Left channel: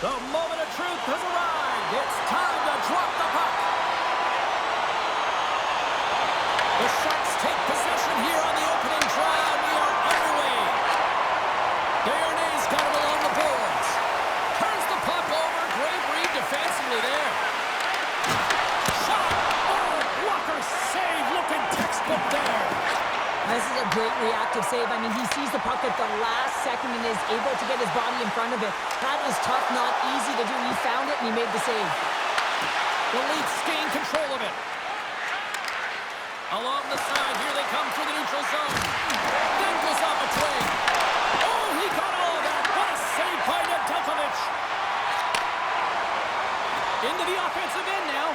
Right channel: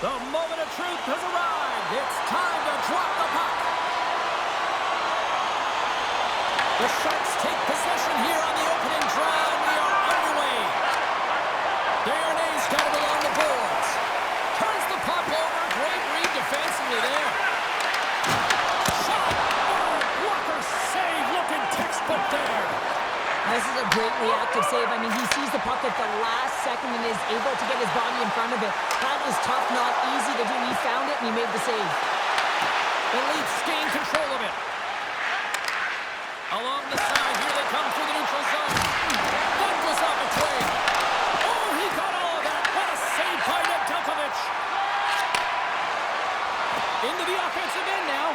The moment of truth has arrived. It's time to drop the puck. The Sharks take possession here on the opening draw, and we are underway. Desharnais got it along the boards. Turns the puck over. Great read defensively there. Shot. Oh, blocker save. Looking textbook there. This is a great reactive save. I mean, he sees the puck at the last second and is able to get his body in front of it. That is tough, not easy to do. He found it, and he made the save. The Leafs gain control of it. Along the side, here they come through the neutral zone. That goes off a twig. Oh, he got all of that. What a save by Nedeljkovic. Into the offensive end now.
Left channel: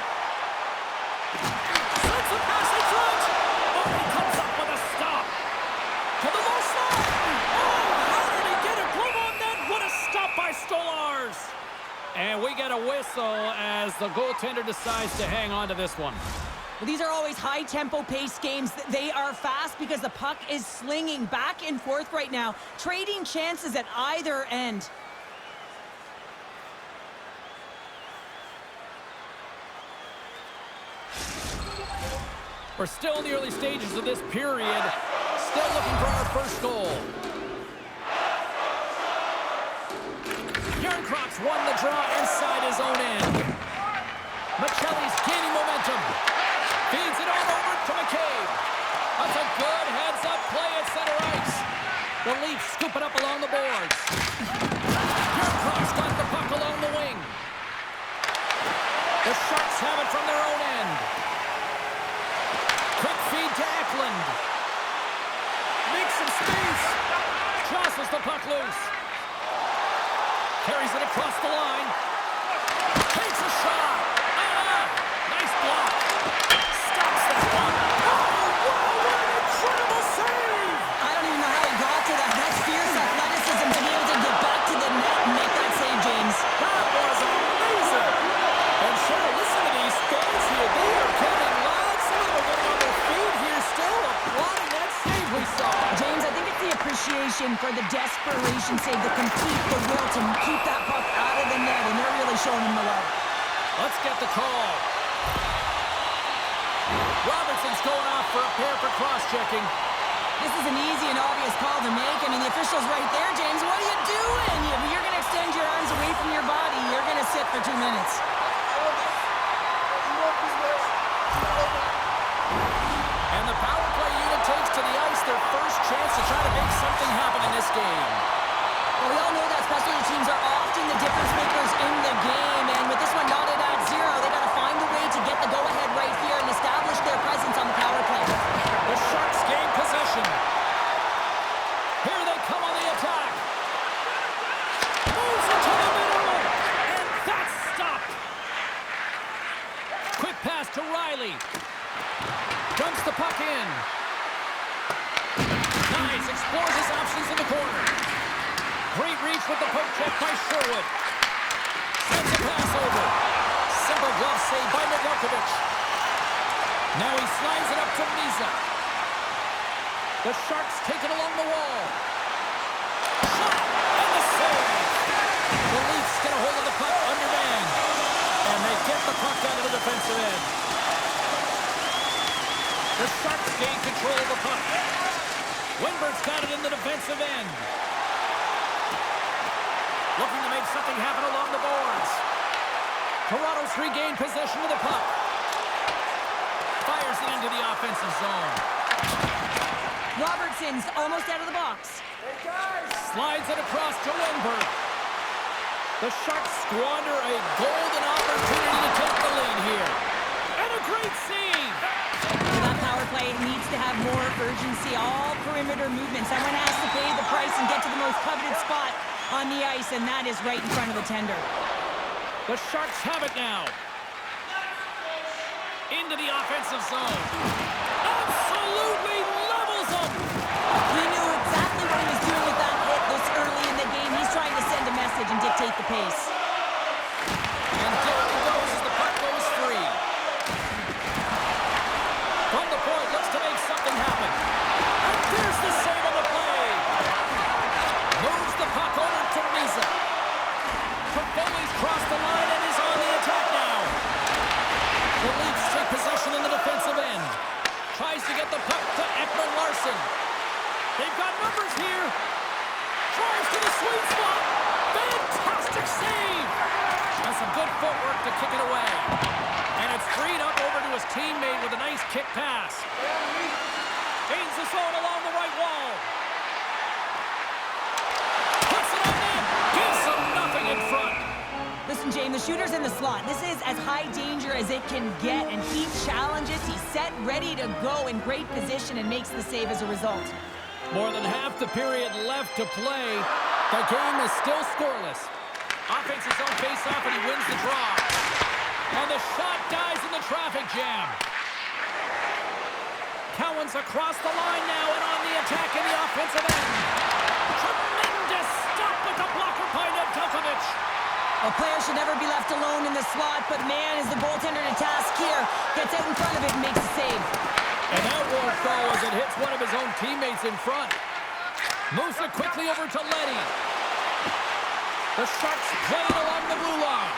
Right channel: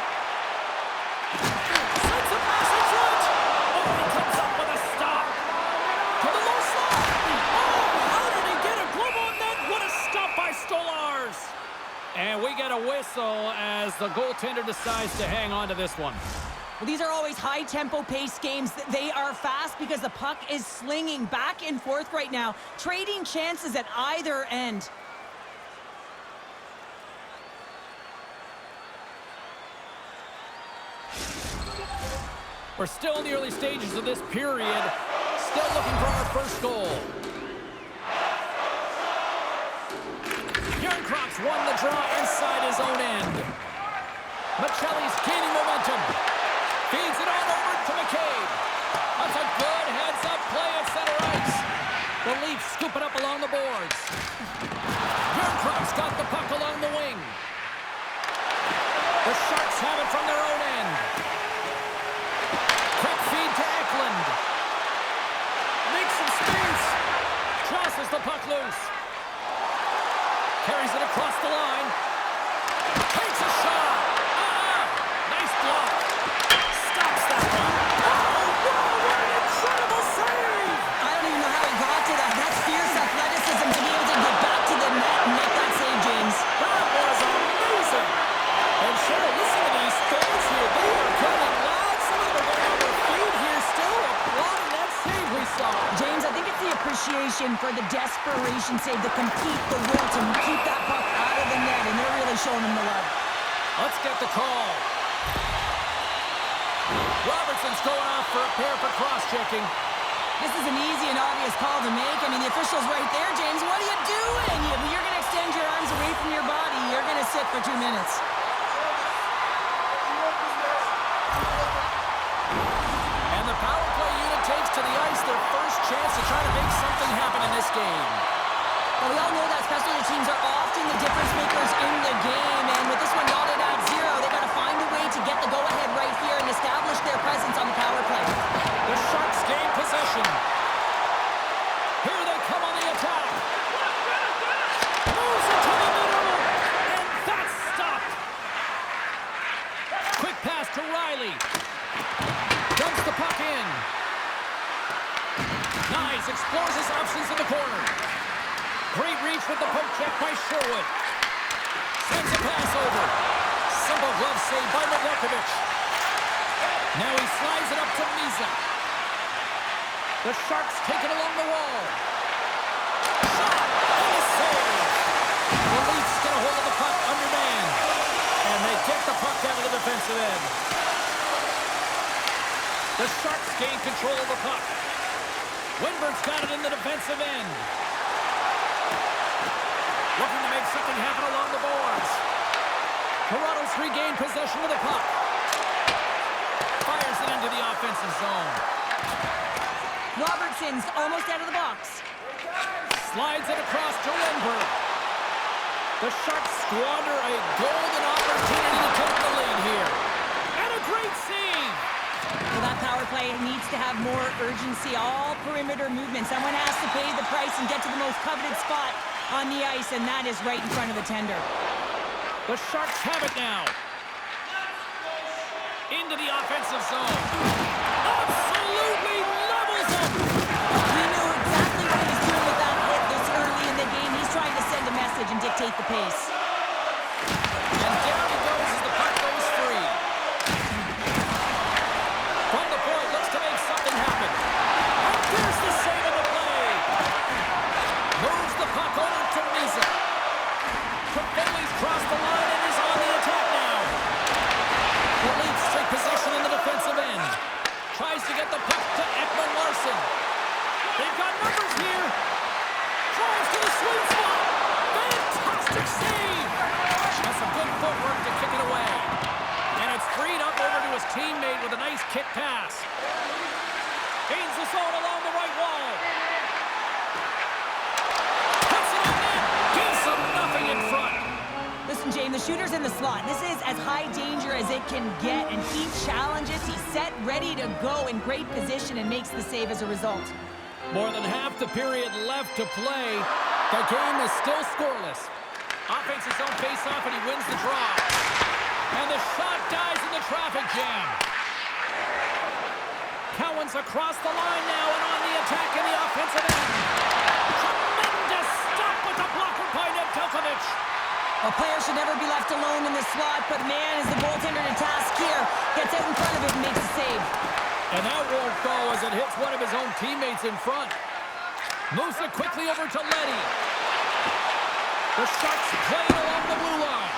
Sends a pass in front. Oh, he comes up with a stop. To the low slot. Oh, how did he get a glove on that? What a stop by Stolarz. And we get a whistle as the goaltender decides to hang on to this one. Well, these are always high-tempo pace games. They are fast because the puck is slinging back and forth right now, trading chances at either end. We're still in the early stages of this period. Still looking for our first goal. Järnkrok's won the draw inside his own end. Michelli's gaining momentum. Feeds it on over to McCabe. That's a good heads-up play at center ice. The Leafs scoop it up along the boards. Järnkrok's got the puck along the wing. The Sharks have it from their own end. Quick feed to Eklund. Makes some space. Jostles the puck loose. Carries it across the line. Takes a shot. Nice block. Stops that one. Oh, wow, what an incredible save. I don't even know how he got to that. That's fierce athleticism to be able to get back to the net and make that save, James. That was amazing. And Cheryl, listen to these fans here. They are getting loud. Some of them are getting on their feet here still applauding that save we saw. James, I think it's the appreciation for the desperation save, the compete, the will to keep that puck out of the net, and they're really showing him the love. Let's get the call. Robertson's going off for a pair for cross-checking. This is an easy and obvious call to make. I mean, the official's right there, James. What are you doing? You're going to extend your arms away from your body. You're going to sit for 2 minutes. And the power play unit takes to the ice their first chance to try to make something happen in this game. Well, we all know that specialty teams are often the difference makers in the game, and with this one knotted at 0, they got to find a way to get the go-ahead right here and establish their presence on the power play. The Sharks gain possession. Here they come on the attack. Moves into the middle, and that's stopped. Quick pass to Riley. Dumps the puck in. Nice, explores his options in the corner. Great reach with the poke check by Sherwood. Sends a pass over. Simple glove save by Nedeljkovic. Now he slides it up to Misa. The Sharks take it along the wall. Shot and the save. The Leafs get a hold of the puck undermanned. And they get the puck out of the defensive end. The Sharks gain control of the puck. Winberg's got it in the defensive end. Looking to make something happen along the boards. Toronto's regained possession of the puck. Fires it into the offensive zone. Robertson's almost out of the box. Slides it across to Winberg. The Sharks squander a golden opportunity to take the lead here. And a great save. Well, that power play needs to have more urgency. All perimeter movement. Someone has to pay the price and get to the most coveted spot on the ice, and that is right in front of the tender. The Sharks have it now. Into the offensive zone. Absolutely levels them. He knew exactly what he was doing with that hit this early in the game. He's trying to send a message and dictate the pace. And down he goes as the puck goes free. From the point, looks to make something happen. And there's the save of the play. Moves the puck over to Misa. Toffoli They've got numbers here. Drives to the sweet spot. Fantastic save. And some good footwork to kick it away. And it's freed up over to his teammate with a nice kick pass. Gains the zone along the right wall. Puts it on net. Gives them nothing in front. Listen, James, the shooter's in the slot. This is as high danger as it can get, and he challenges. He's set, ready to go, in great position, and makes the save as a result. More than half the period left to play. The game is still scoreless. Offense his own face-off, and he wins the draw. And the shot dies in the traffic jam. Cowan's across the line now and on the attack in the offensive end. Tremendous stop with the blocker by Nedeljkovic. A player should never be left alone in the slot, but man, is the goaltender to task here. Gets out in front of it and makes a save. And that won't go as it hits one of his own teammates in front. Moves it quickly over to Leddy. The Sharks play it along the blue line.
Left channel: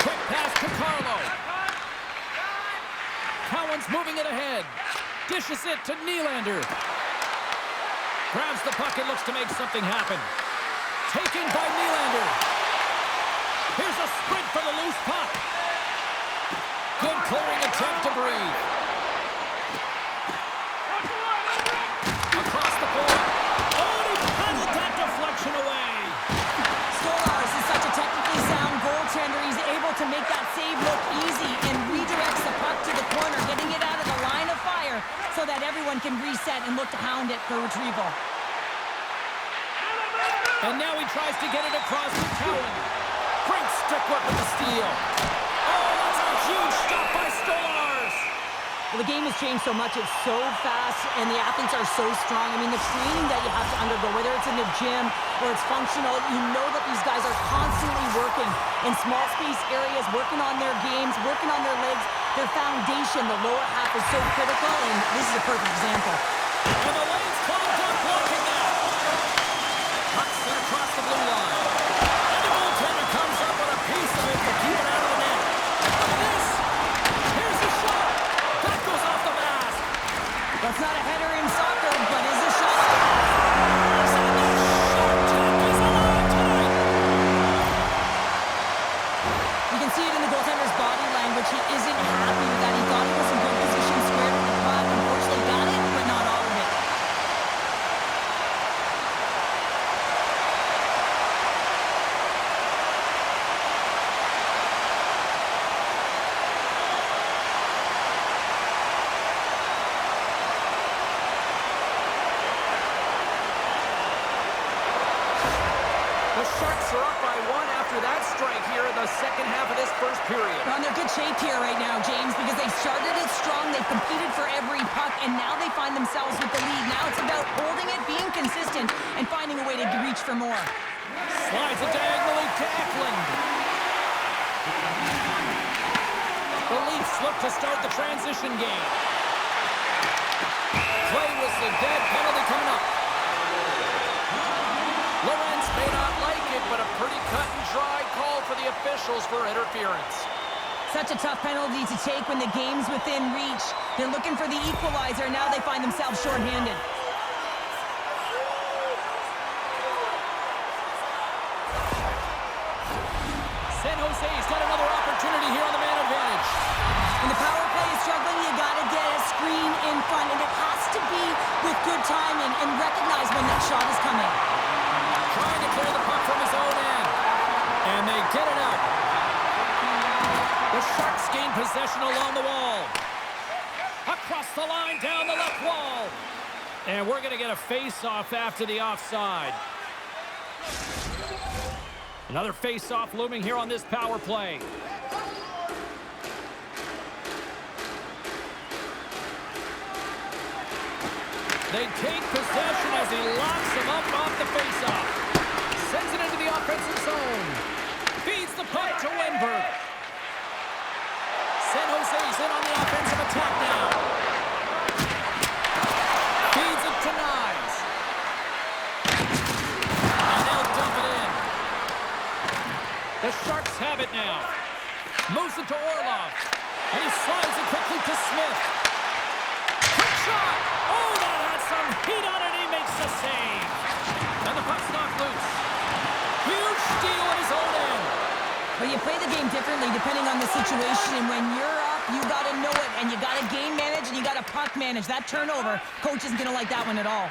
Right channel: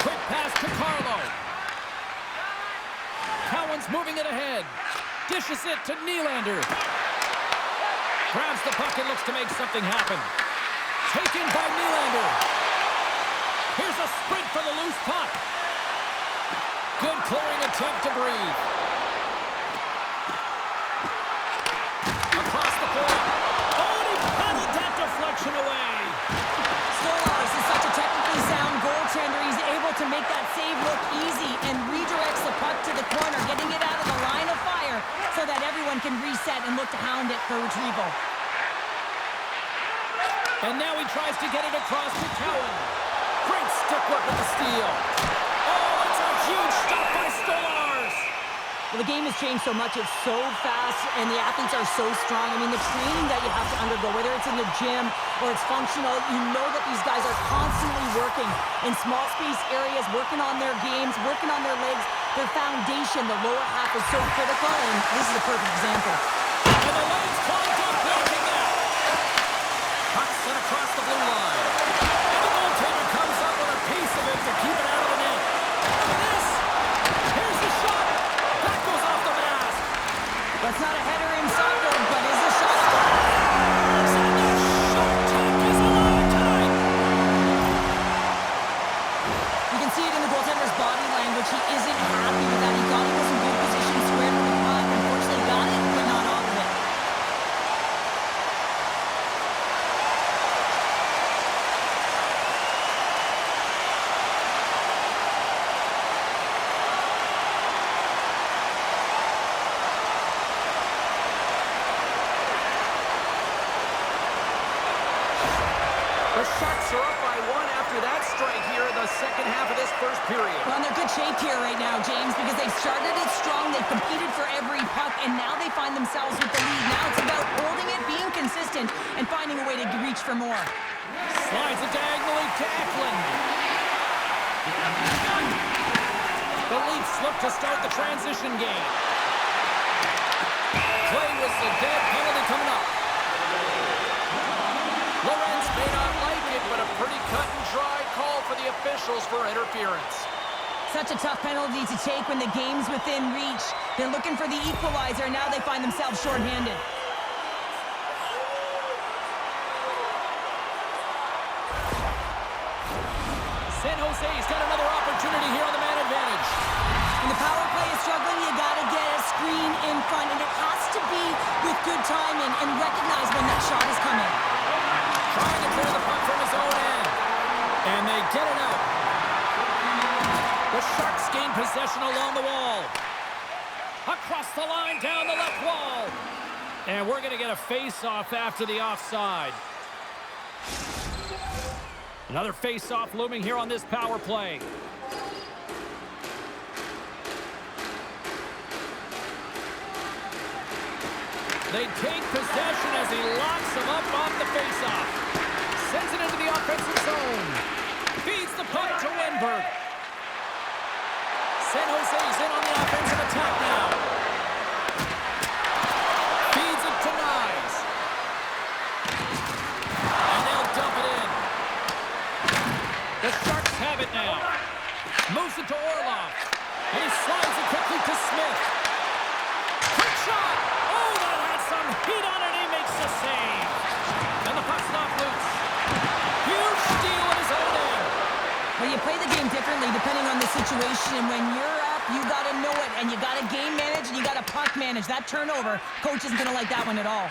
Quick pass to Carlo. Cowan's moving it ahead. Dishes it to Nylander. Grabs the puck and looks to make something happen. Taken by Nylander. Here's a sprint for the loose puck. Good clearing attempt to breathe. Across the point. Oh, and he paddled that deflection away. Stolarz is such a technically sound goaltender. He's able to make that save look easy and redirects the puck to the corner, getting it out of the line of fire so that everyone can reset and look to hound it for retrieval. And now he tries to get it across to Cowan. Great stick work with the steal. Oh, that's a huge stop by Stolarz. Well, the game has changed so much. It's so fast, and the athletes are so strong. I mean, the training that you have to undergo, whether it's in the gym or it's functional, you know that these guys are constantly working in small space areas, working on their games, working on their legs. Their foundation, the lower half, is so critical, and this is a perfect example. And the lane's clogged up, blocking that. Puck sent across the blue line. And the goaltender comes up with a piece of it to keep it out of the net. Look at this. Here's the shot. That goes off the mask. That's not a header in soccer, but is a shot. And the short tack is alive tonight. You can see it in the goaltender's body language. He isn't happy with that. He thought he was in good position, squared with the puck. Unfortunately, got it, but not all of it. The Sharks are up by one after that strike here in the second half of this first period. Well, they're good shape here right now, James, because they've started it strong. They've competed for every puck, and now they find themselves with the lead. Now it's about holding it, being consistent, and finding a way to reach for more. Slides it diagonally to Eklund. The Leafs look to start the transition game. Play whistle dead, penalty coming up. Lawrence may not like it, but a pretty cut-and-dry call for the officials for interference. Such a tough penalty to take when the game's within reach. They're looking for the equalizer. Now they find themselves shorthanded. San Jose's got another opportunity here on the man advantage. When the power play is struggling, you got to get a screen in front, and it has to be with good timing and recognize when that shot is coming. Trying to clear the puck from his own end. And they get it out. The Sharks gain possession along the wall. Across the line, down the left wall. And we're going to get a face-off after the offside. Another face-off looming here on this power play. They take possession as he locks him up off the faceoff. Sends it into the offensive zone. Feeds the puck to Wenberg. San Jose's in on the offensive attack now. Feeds it to Nyes. And they'll dump it in. The Sharks have it now. Moves it to Orlov. And he slides it quickly to Smith. Quick shot! Oh, that had some heat on it. He makes the play the game differently depending on the situation. And when you're up, you got to know it. And you got to game manage and you got to puck manage. That turnover, coach isn't going to like that one at all.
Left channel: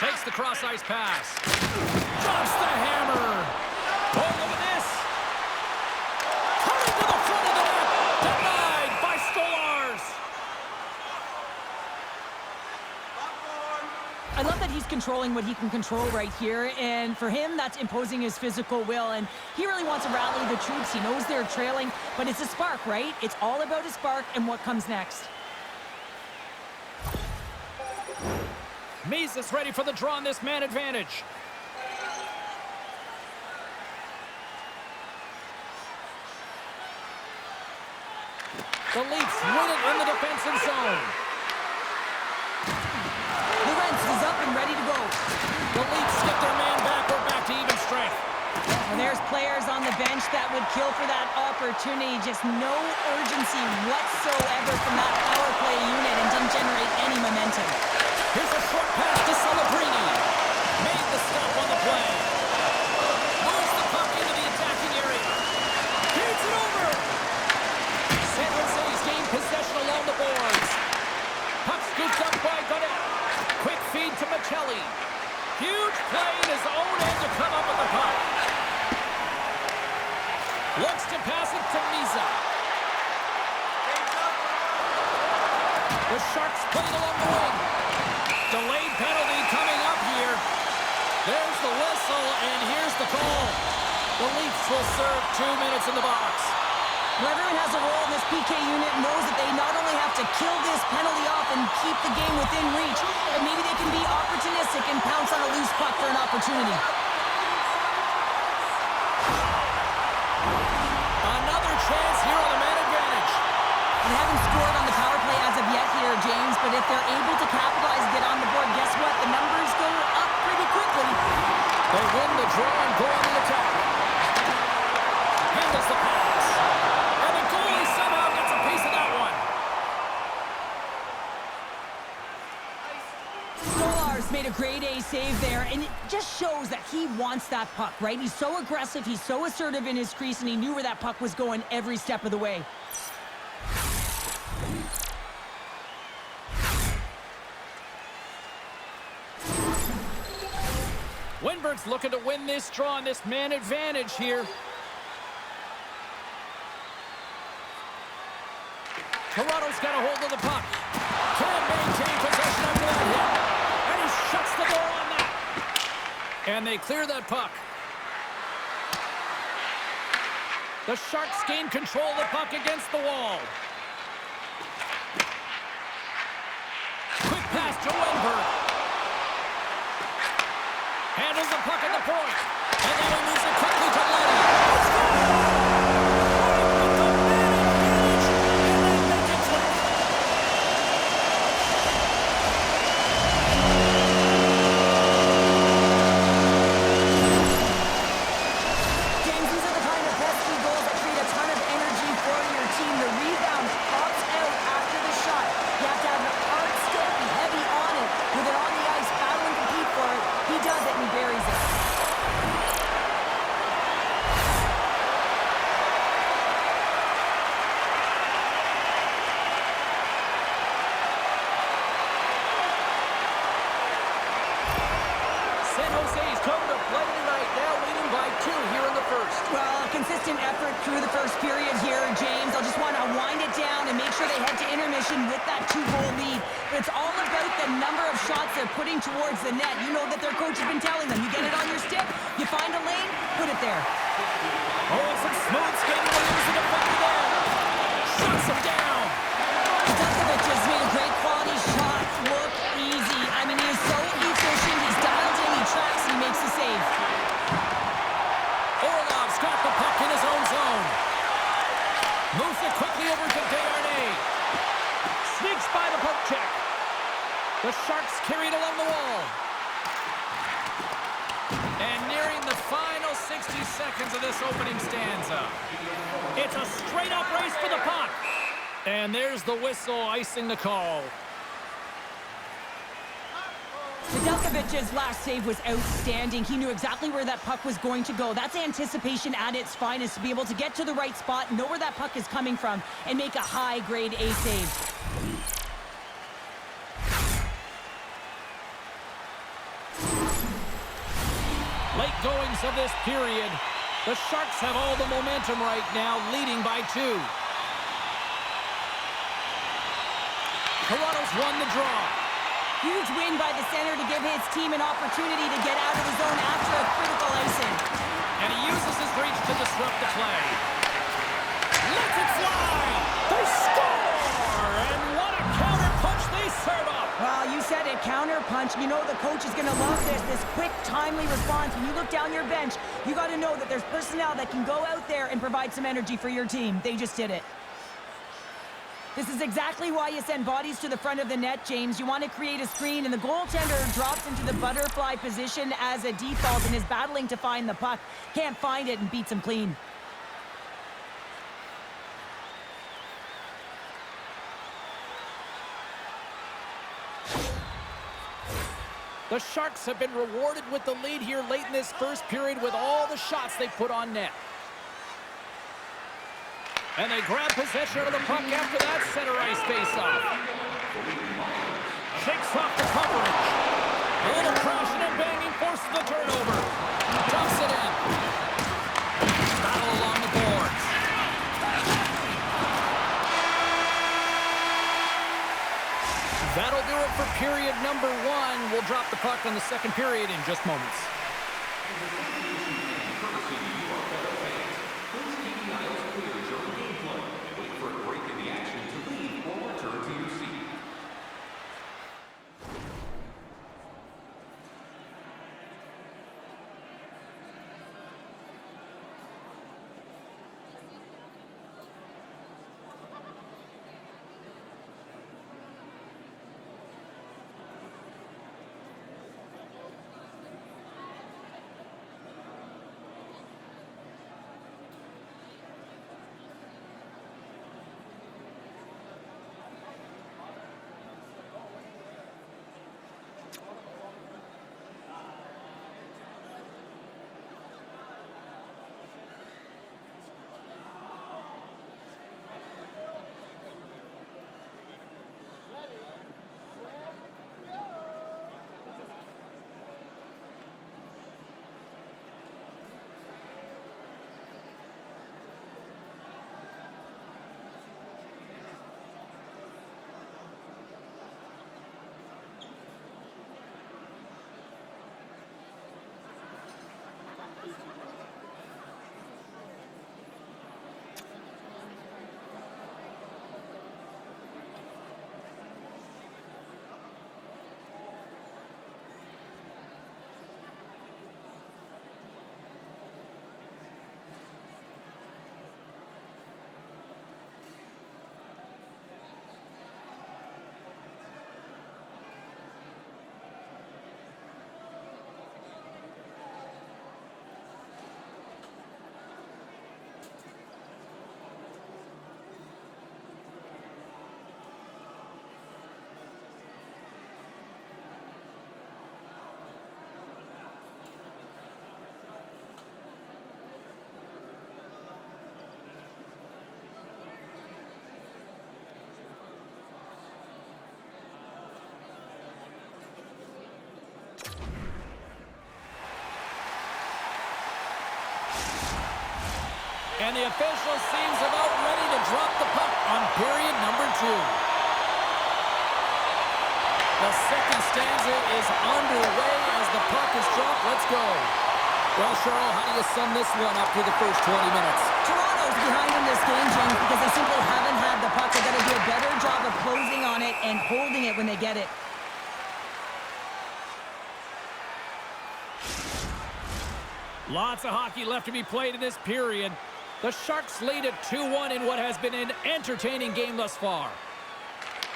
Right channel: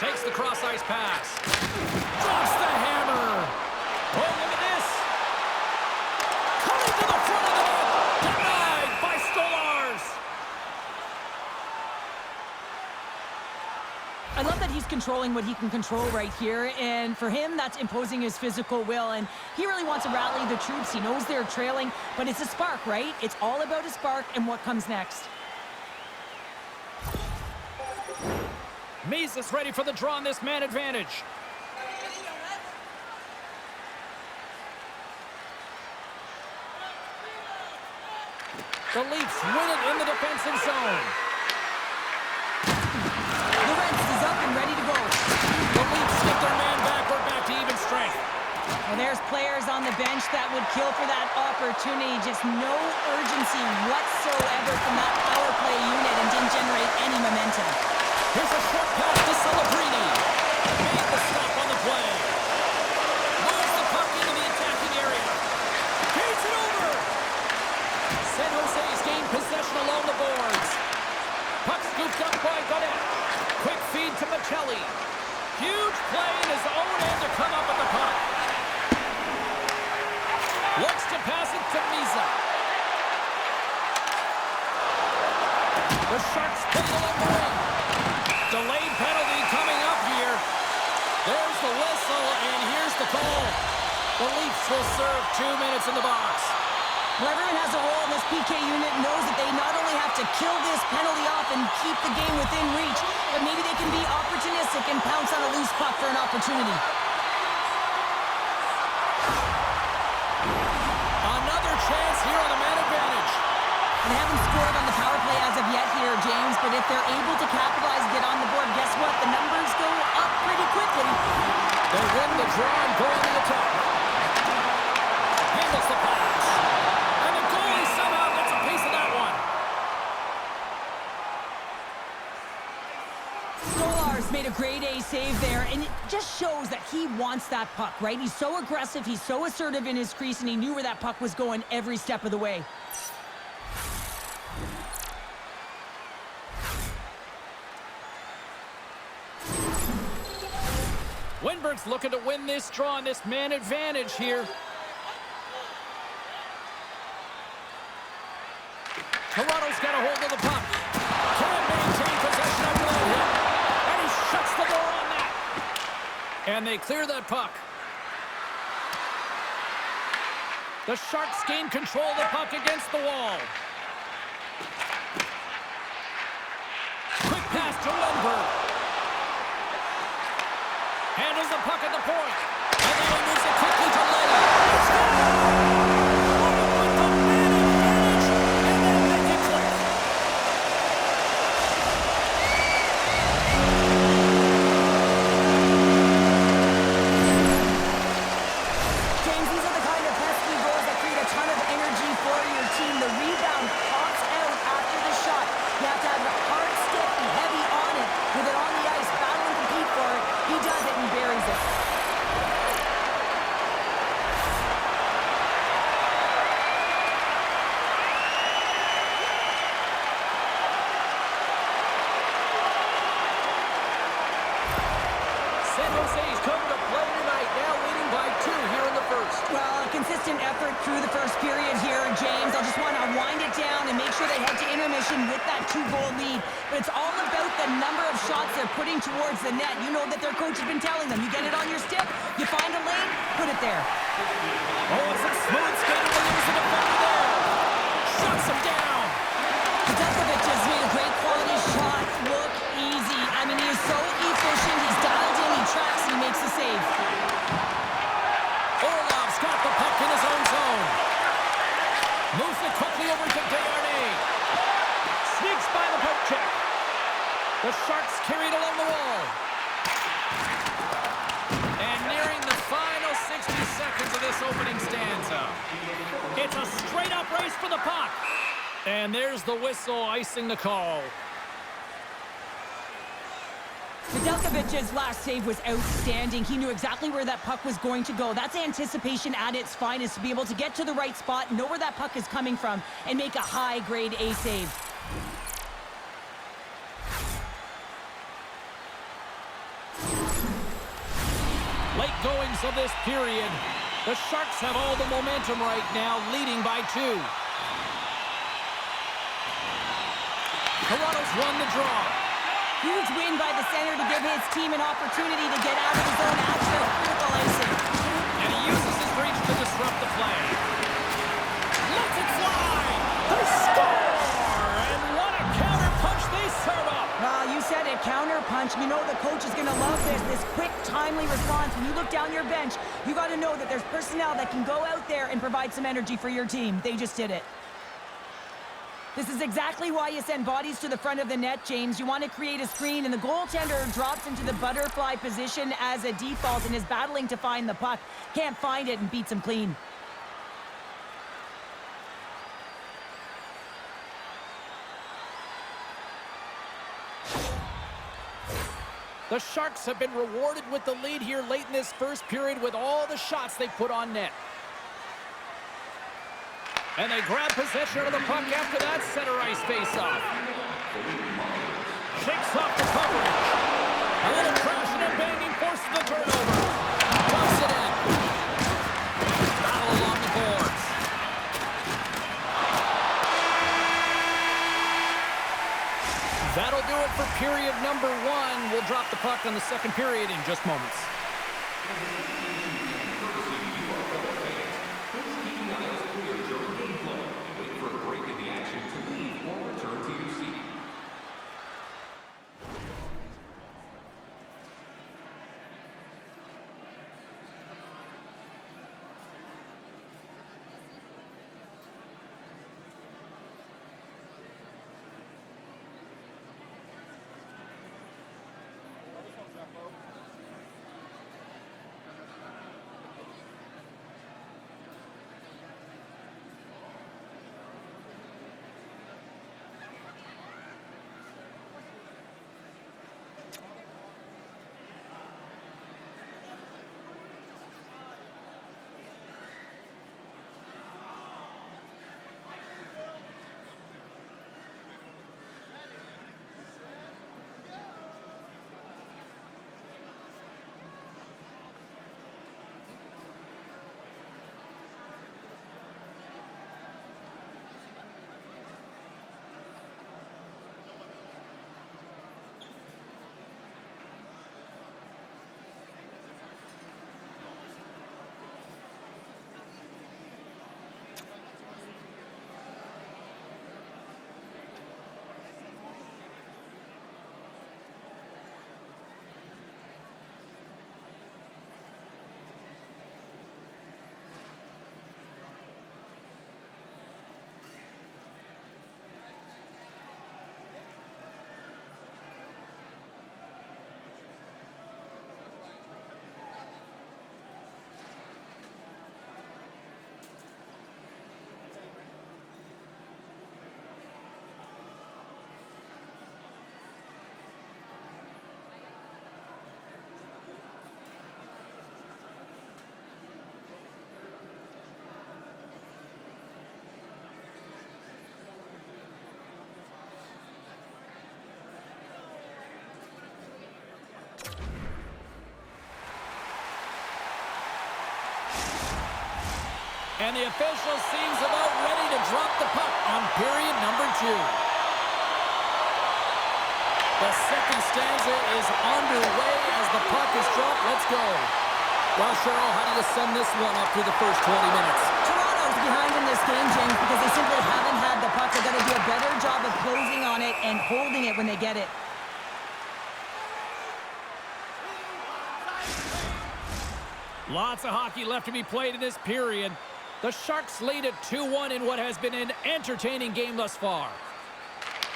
Takes the cross-ice pass. Drops the hammer. Oh, look at this. Coming to the front of the net. Denied by Stolars. I love that he's controlling what he can control right here, and for him, that's imposing his physical will, and he really wants to rally the troops. He knows they're trailing, but it's a spark, right? It's all about a spark and what comes next. Mises ready for the draw on this man advantage. The Leafs win it in the defensive zone. Is up and ready to go. The Leafs get their man back. We're back to even strength. Well, there's players on the bench that would kill for that opportunity. Just no urgency whatsoever from that power play unit and didn't generate any momentum. Here's a short pass to Celebrini. Made the stop on the play. Moves the puck into the attacking area. Beats it over. San Jose's gained possession along the boards. Puck scooped up by Godet. Quick feed to Michelli. Huge play in his own end to come up with the puck. Looks to pass it to Misa. The Sharks play it along the wing. Delayed penalty coming up here. There's the whistle, and here's the call. The Leafs will serve 2 minutes in the box. Well, everyone has a role in this PK unit, knows that they not only have to kill this penalty off and keep the game within reach, but maybe they can be opportunistic and pounce on a loose puck for an opportunity. Another chance here on the man advantage. They haven't scored on the power play as of yet here, James, but if they're able to capitalize and get on the board, guess what? The numbers go up pretty quickly. They win the draw and go on the attack. Handles the pass. And the goalie somehow gets a piece of that one. Stolars made a grade A save there, and it just shows that he wants that puck, right? He's so aggressive, he's so assertive in his crease, and he knew where that puck was going every step of the way. Winberg's looking to win this draw on this man advantage here. Toronto's got a hold of the puck. Can't maintain possession after that hit. And he shuts the door on that. And they clear that puck. The Sharks gain control of the puck against the wall. Quick pass to Winberg. Handles the puck at the point. And now he moves it quickly to Leddy. It's gone! With the man advantage, and then make it click. James, these are the kind of pesky goals that create a ton of energy for your team. The rebound pops out after the shot. You have to have a hard stick, be heavy on it, with it on the ice, battle and compete for it. He does it and he buries it. San Jose's come to play tonight, now leading by 2 here in the first. Well, a consistent effort through the first period here, James. I'll just want to wind it down and make sure they head to intermission with that 2-goal lead. But it's all about the number of shots they're putting towards the net. You know that their coach has been telling them, you get it on your stick, you find a lane, put it there. Oh, and some smooth skating to lose the defender there. Shuts him down. Dukovic has made a great quality shot look easy. I mean, he is so efficient. He's dialed in, he tracks, and he makes the save. Orlov's got the puck in his own zone. Moves it quickly over to Desharnais. Sneaks by the poke check. The Sharks carried along the wall. And nearing the final 60 seconds of this opening stanza. It's a straight-up race for the puck. And there's the whistle icing the call. The Nedeljkovic's last save was outstanding. He knew exactly where that puck was going to go. That's anticipation at its finest, to be able to get to the right spot, know where that puck is coming from, and make a high-grade A save. Late goings of this period. The Sharks have all the momentum right now, leading by 2. Toronto's won the draw. Huge win by the center to give his team an opportunity to get out of his own after a critical icing. And he uses his reach to disrupt the play. Lets it fly! They score! And what a counter punch they serve up! Well, you said it, counter punch. You know the coach is going to love this quick, timely response. When you look down your bench, you got to know that there's personnel that can go out there and provide some energy for your team. They just did it. This is exactly why you send bodies to the front of the net, James. You want to create a screen, and the goaltender drops into the butterfly position as a default and is battling to find the puck. Can't find it and beats him clean. The Sharks have been rewarded with the lead here late in this first period with all the shots they put on net. And they grab possession of the puck after that center ice face-off. Shakes off the coverage. A little crashing and banging forces the turnover. Dumps it in. Battle along the boards. That'll do it for period number 1. We'll drop the puck on the second period in just moments. And the official seems about ready to drop the puck on period number 2. The second stanza is underway as the puck is dropped. Let's go. Well, Cheryl, how do you sum this one up through the first 20 minutes? Toronto's behind in this game, James, because they simply haven't had the puck. They've got to do a better job of closing on it and holding it when they get it. Lots of hockey left to be played in this period. The Sharks lead at 2-1 in what has been an entertaining game thus far.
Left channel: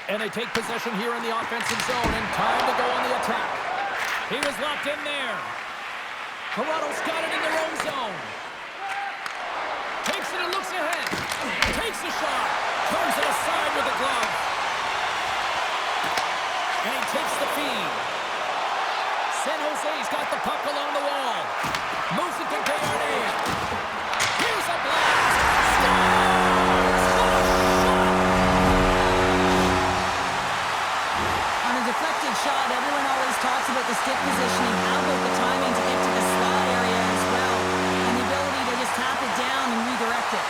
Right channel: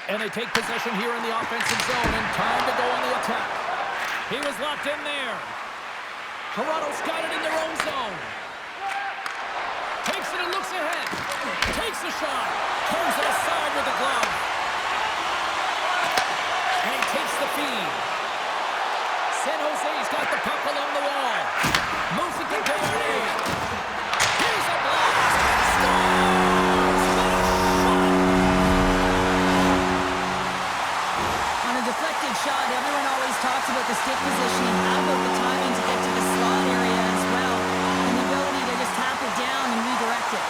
And they take possession here in the offensive zone, and time to go on the attack. He was locked in there. Toronto's got it in their own zone. Takes it and looks ahead. Takes the shot. Turns it aside with the glove. And he takes the feed. San Jose's got the puck along the wall. Moves it to Desharnais. Here's a blast. Scores! What a shot! On a deflected shot, everyone always talks about the stick positioning. How about the timing to get to the slot area as well? And the ability to just tap it down and redirect it.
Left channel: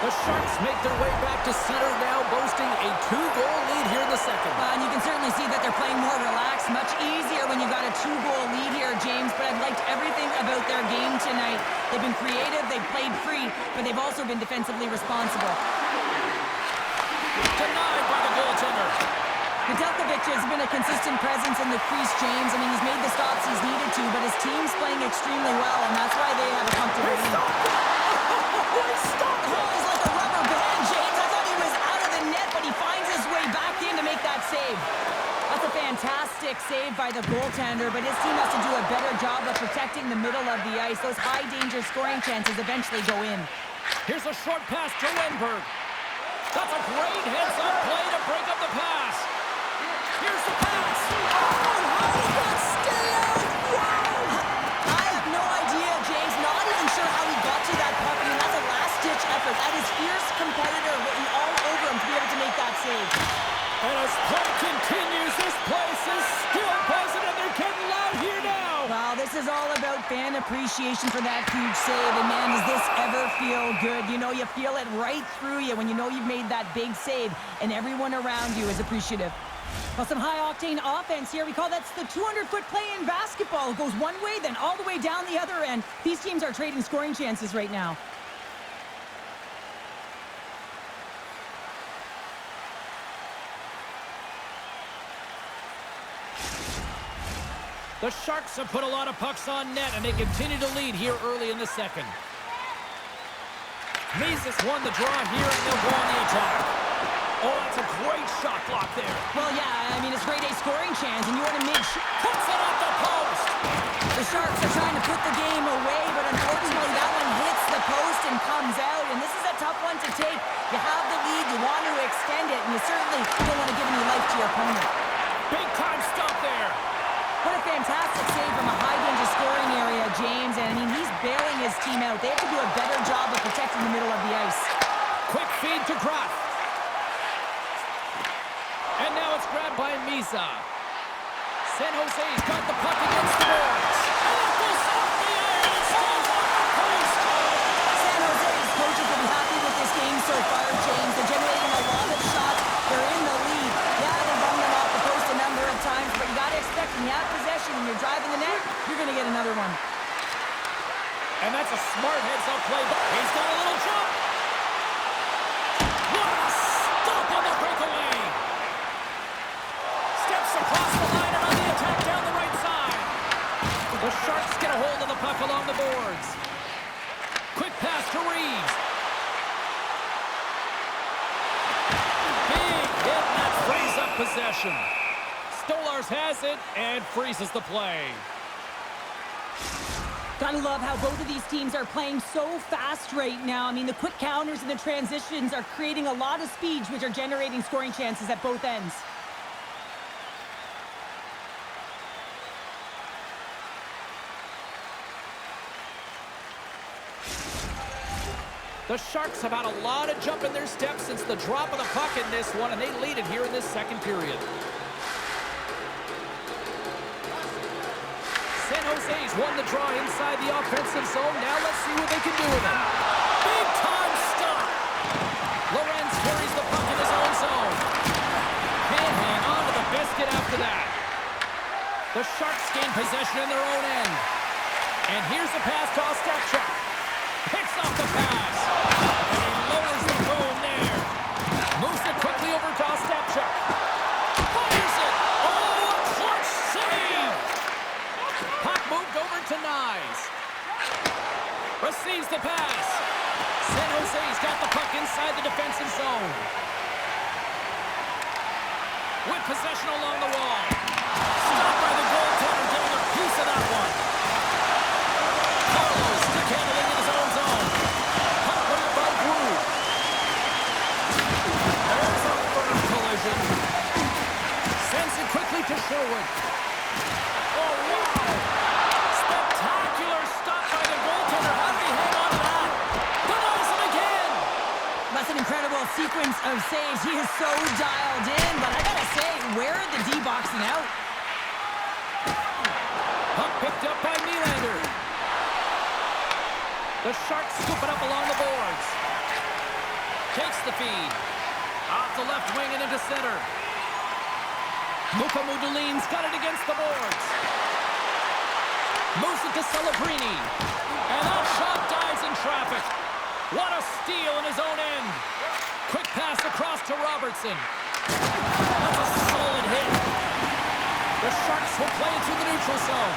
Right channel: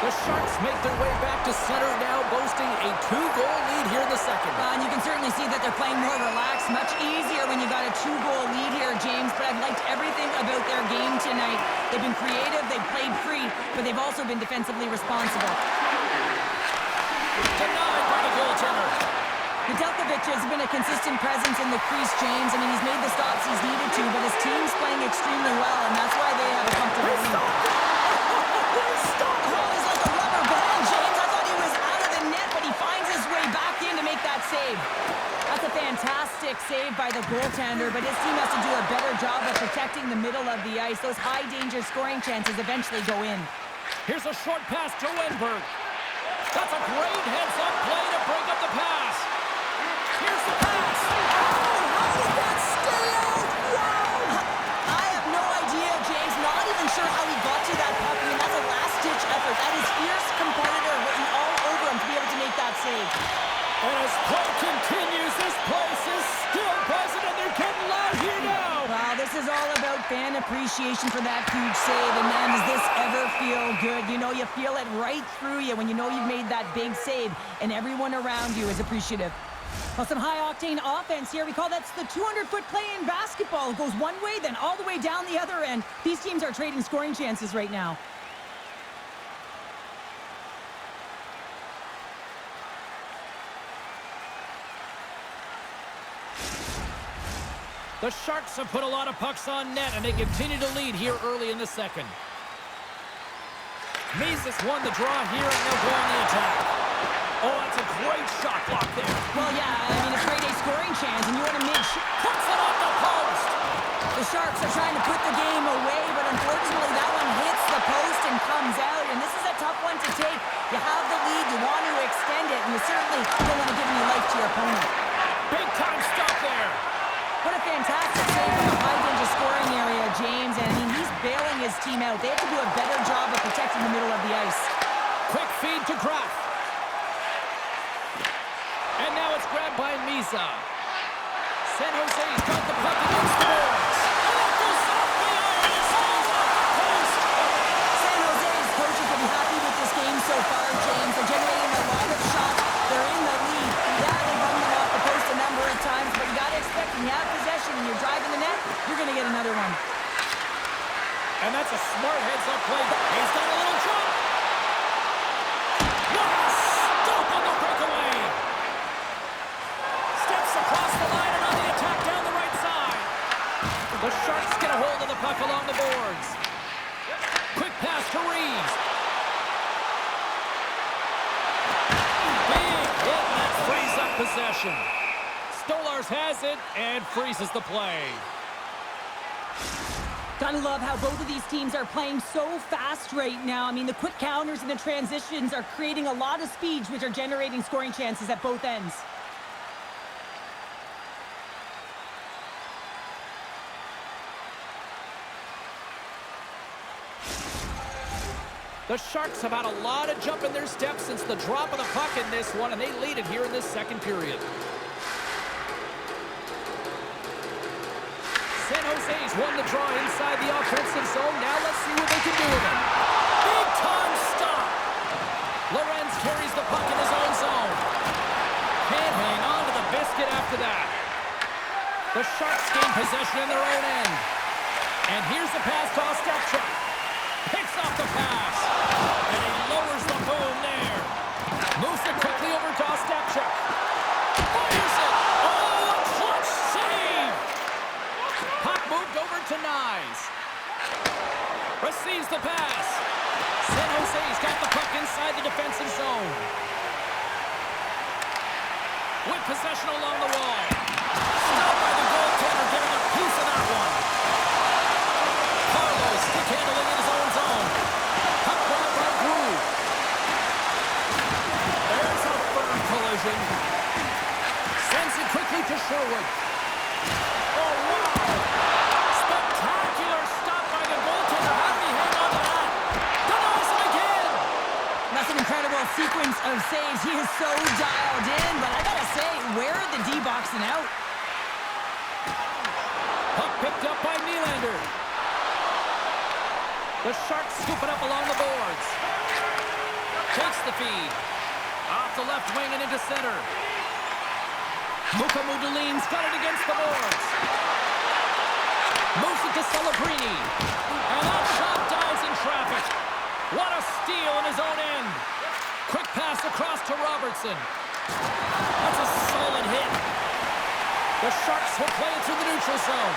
The Sharks make their way back to center now, boasting a 2-goal lead here in the second. And you can certainly see that they're playing more relaxed. Much easier when you got a 2-goal lead here, James. But I've liked everything about their game tonight. They've been creative, they've played free, but they've also been defensively responsible. Denied by the goaltender. Nedeljkovic has been a consistent presence in the crease, James. I mean, he's made the stops he's needed to, but his team's playing extremely well, and that's why they have a comfortable lead. He's like a rubber band, James. I thought he was out of the net, but he finds his way back in to make that save. That's a fantastic save by the goaltender, but his team has to do a better job of protecting the middle of the ice. Those high-danger scoring chances eventually go in. Here's a short pass to Wenberg. That's a great heads-up play to break up the pass. Here's the pass. Oh, how did that stay out? Wow! I have no idea, James. Not even sure how he got to that puck. I mean, that's a last-ditch effort. That is fierce competitor written all over him to be able to make that save. And as play continues, this place is still buzzing, and they're getting loud here now. Wow, this is all about fan appreciation for that huge save. And, man, does this ever feel good? You know, you feel it right through you when you know you've made that big save, and everyone around you is appreciative. Well, some high-octane offense here. We call that's the 200-foot play in basketball. It goes one way, then all the way down the other end. These teams are trading scoring chances right now. The Sharks have put a lot of pucks on net, and they continue to lead here early in the second. Mises won the draw here, and they'll go on the attack. Oh, that's a great shot block there. Well, yeah, I mean, it's grade A scoring chance, and you want to make sure... Puts it off the post. The Sharks are trying to put the game away, but unfortunately that one hits the post and comes out, and this is a tough one to take. You have the lead, you want to extend it, and you certainly don't want to give any life to your opponent. Big-time stop there. What a fantastic save from a high-danger scoring area, James, and I mean, he's bailing his team out. They have to do a better job of protecting the middle of the ice. Quick feed to Graf. And now it's grabbed by Misa. San Jose's got the puck against the boards. Oh, it goes off the iron and stays off the post. San Jose's coaches will be happy with this game so far, James. They're generating a lot of shots. They're in the lead. Yeah, they run them off the post a number of times, but you got to expect when you have possession and you're driving the net, you're going to get another one. And that's a smart heads-up play. He's got a little jump. What a stop on the breakaway. Steps across the line and on the attack down the right side. The Sharks get a hold of the puck along the boards. Quick pass to Reeves. Big hit, and that frees up possession. Stolarz has it and freezes the play. Gotta love how both of these teams are playing so fast right now. I mean, the quick counters and the transitions are creating a lot of speeds, which are generating scoring chances at both ends. The Sharks have had a lot of jump in their steps since the drop of the puck in this one, and they lead it here in this second period. San Jose's won the draw inside the offensive zone. Now let's see what they can do with it. Big time stop. Lorenz carries the puck in his own zone. Can't hang on to the biscuit after that. The Sharks gain possession in their own end. And here's the pass to Ostapchuk. Picks off the pass. And he lowers the boom there. Moves it quickly over to Ostapchuk. Fires it. Oh, a clutch save. Puck moved over to Nyes. Receives the pass. San Jose's got the puck inside the defensive zone. With possession along the wall. Stopped by the goaltender, getting a piece of that one. Carlos stick handling in his own zone. Puck grabbed by Drew. There's a firm collision. Sends it quickly to Sherwood. Oh, wow! Spectacular stop by the goaltender. How did he hang on to that? Denies him again! That's an incredible sequence of saves. He is so dialed in, but I gotta say, where are the D boxing out? Puck picked up by Nylander. The Sharks scoop it up along the boards. Takes the feed. Off the left wing and into center. Mukamudulin's got it against the boards. Moves it to Celebrini. And that shot dives in traffic. What a steal in his own end. Quick pass across to Robertson. That's a solid hit. The Sharks will play it through the neutral zone.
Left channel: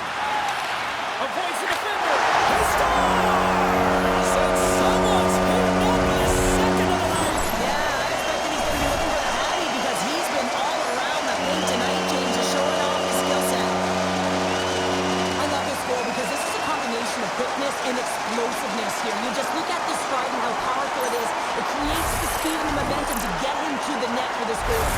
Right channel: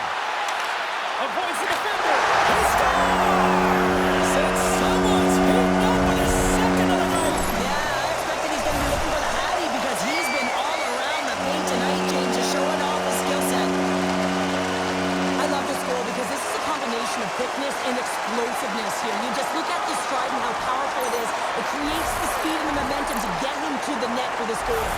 Avoids the defender. He scores! And someone's heating up with his second of the night. Yeah, I expected he's going to be looking for the Hattie because he's been all around the paint tonight, James, just showing off his skill set. I love this goal because this is a combination of quickness and explosiveness here. You just look at the stride and how powerful it is. It creates the speed and the momentum to get him to the net for this goal.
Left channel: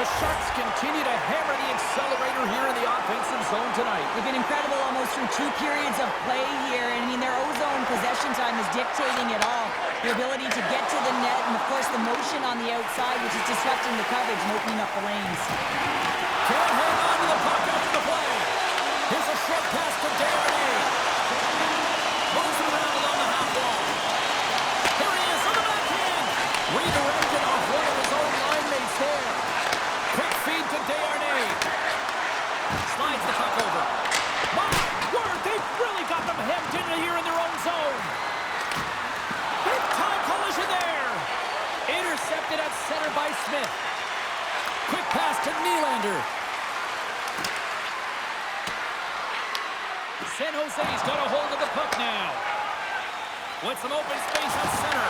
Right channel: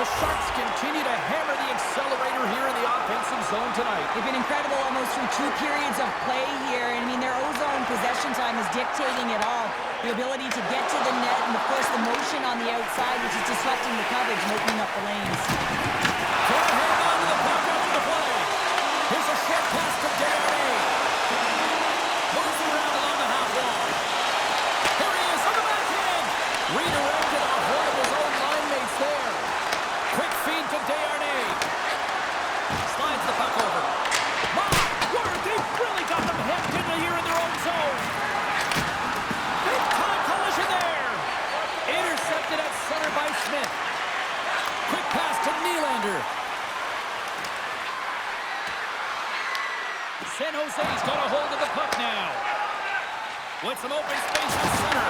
The Sharks continue to hammer the accelerator here in the offensive zone tonight. They've been incredible almost through 2 periods of play here. And I mean, their ozone possession time is dictating it all. The ability to get to the net and, of course, the motion on the outside, which is disrupting the coverage and opening up the lanes. Can't hang on to the puck after the play. Here's a short pass to Desharnais. Moves it around along the half wall. Here he is on the backhand. Redirected off one of his own line mates there. Quick feed to Desharnais. Slides the puck over. My word, they've really got them hemmed in here in their own zone. Big time collision there. Intercepted at center by Smith. Quick pass to Nylander. San Jose's got a hold of the puck now. With some open space at center.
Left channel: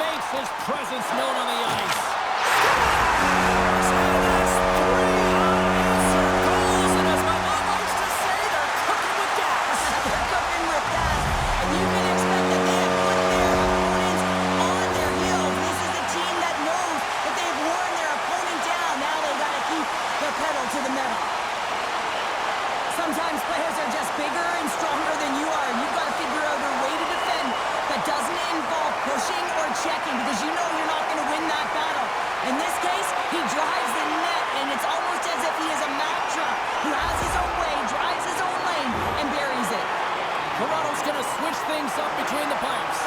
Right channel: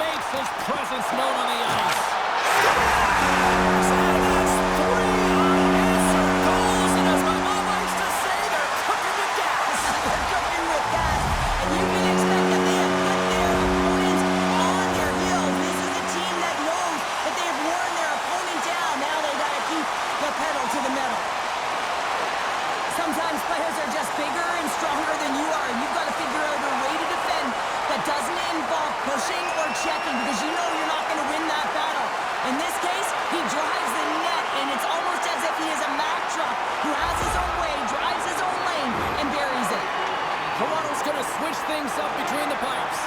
Makes his presence known on the ice. Scores! And that's 3 unanswered goals. And as my mom likes to say, they're cooking with gas. They're cooking with gas. And you can expect that they have put their opponents on their heels. This is a team that knows that they have worn their opponent down. Now they got to keep the pedal to the metal. Sometimes players are just bigger and stronger than you are, and you've got to figure out a way to defend that doesn't involve pushing or checking, because you know you're not going to win that battle. In this case, he drives the net, and it's almost as if he is a Mack truck who has his own way, drives his own lane, and buries it. Toronto's going to switch things up between the pipes.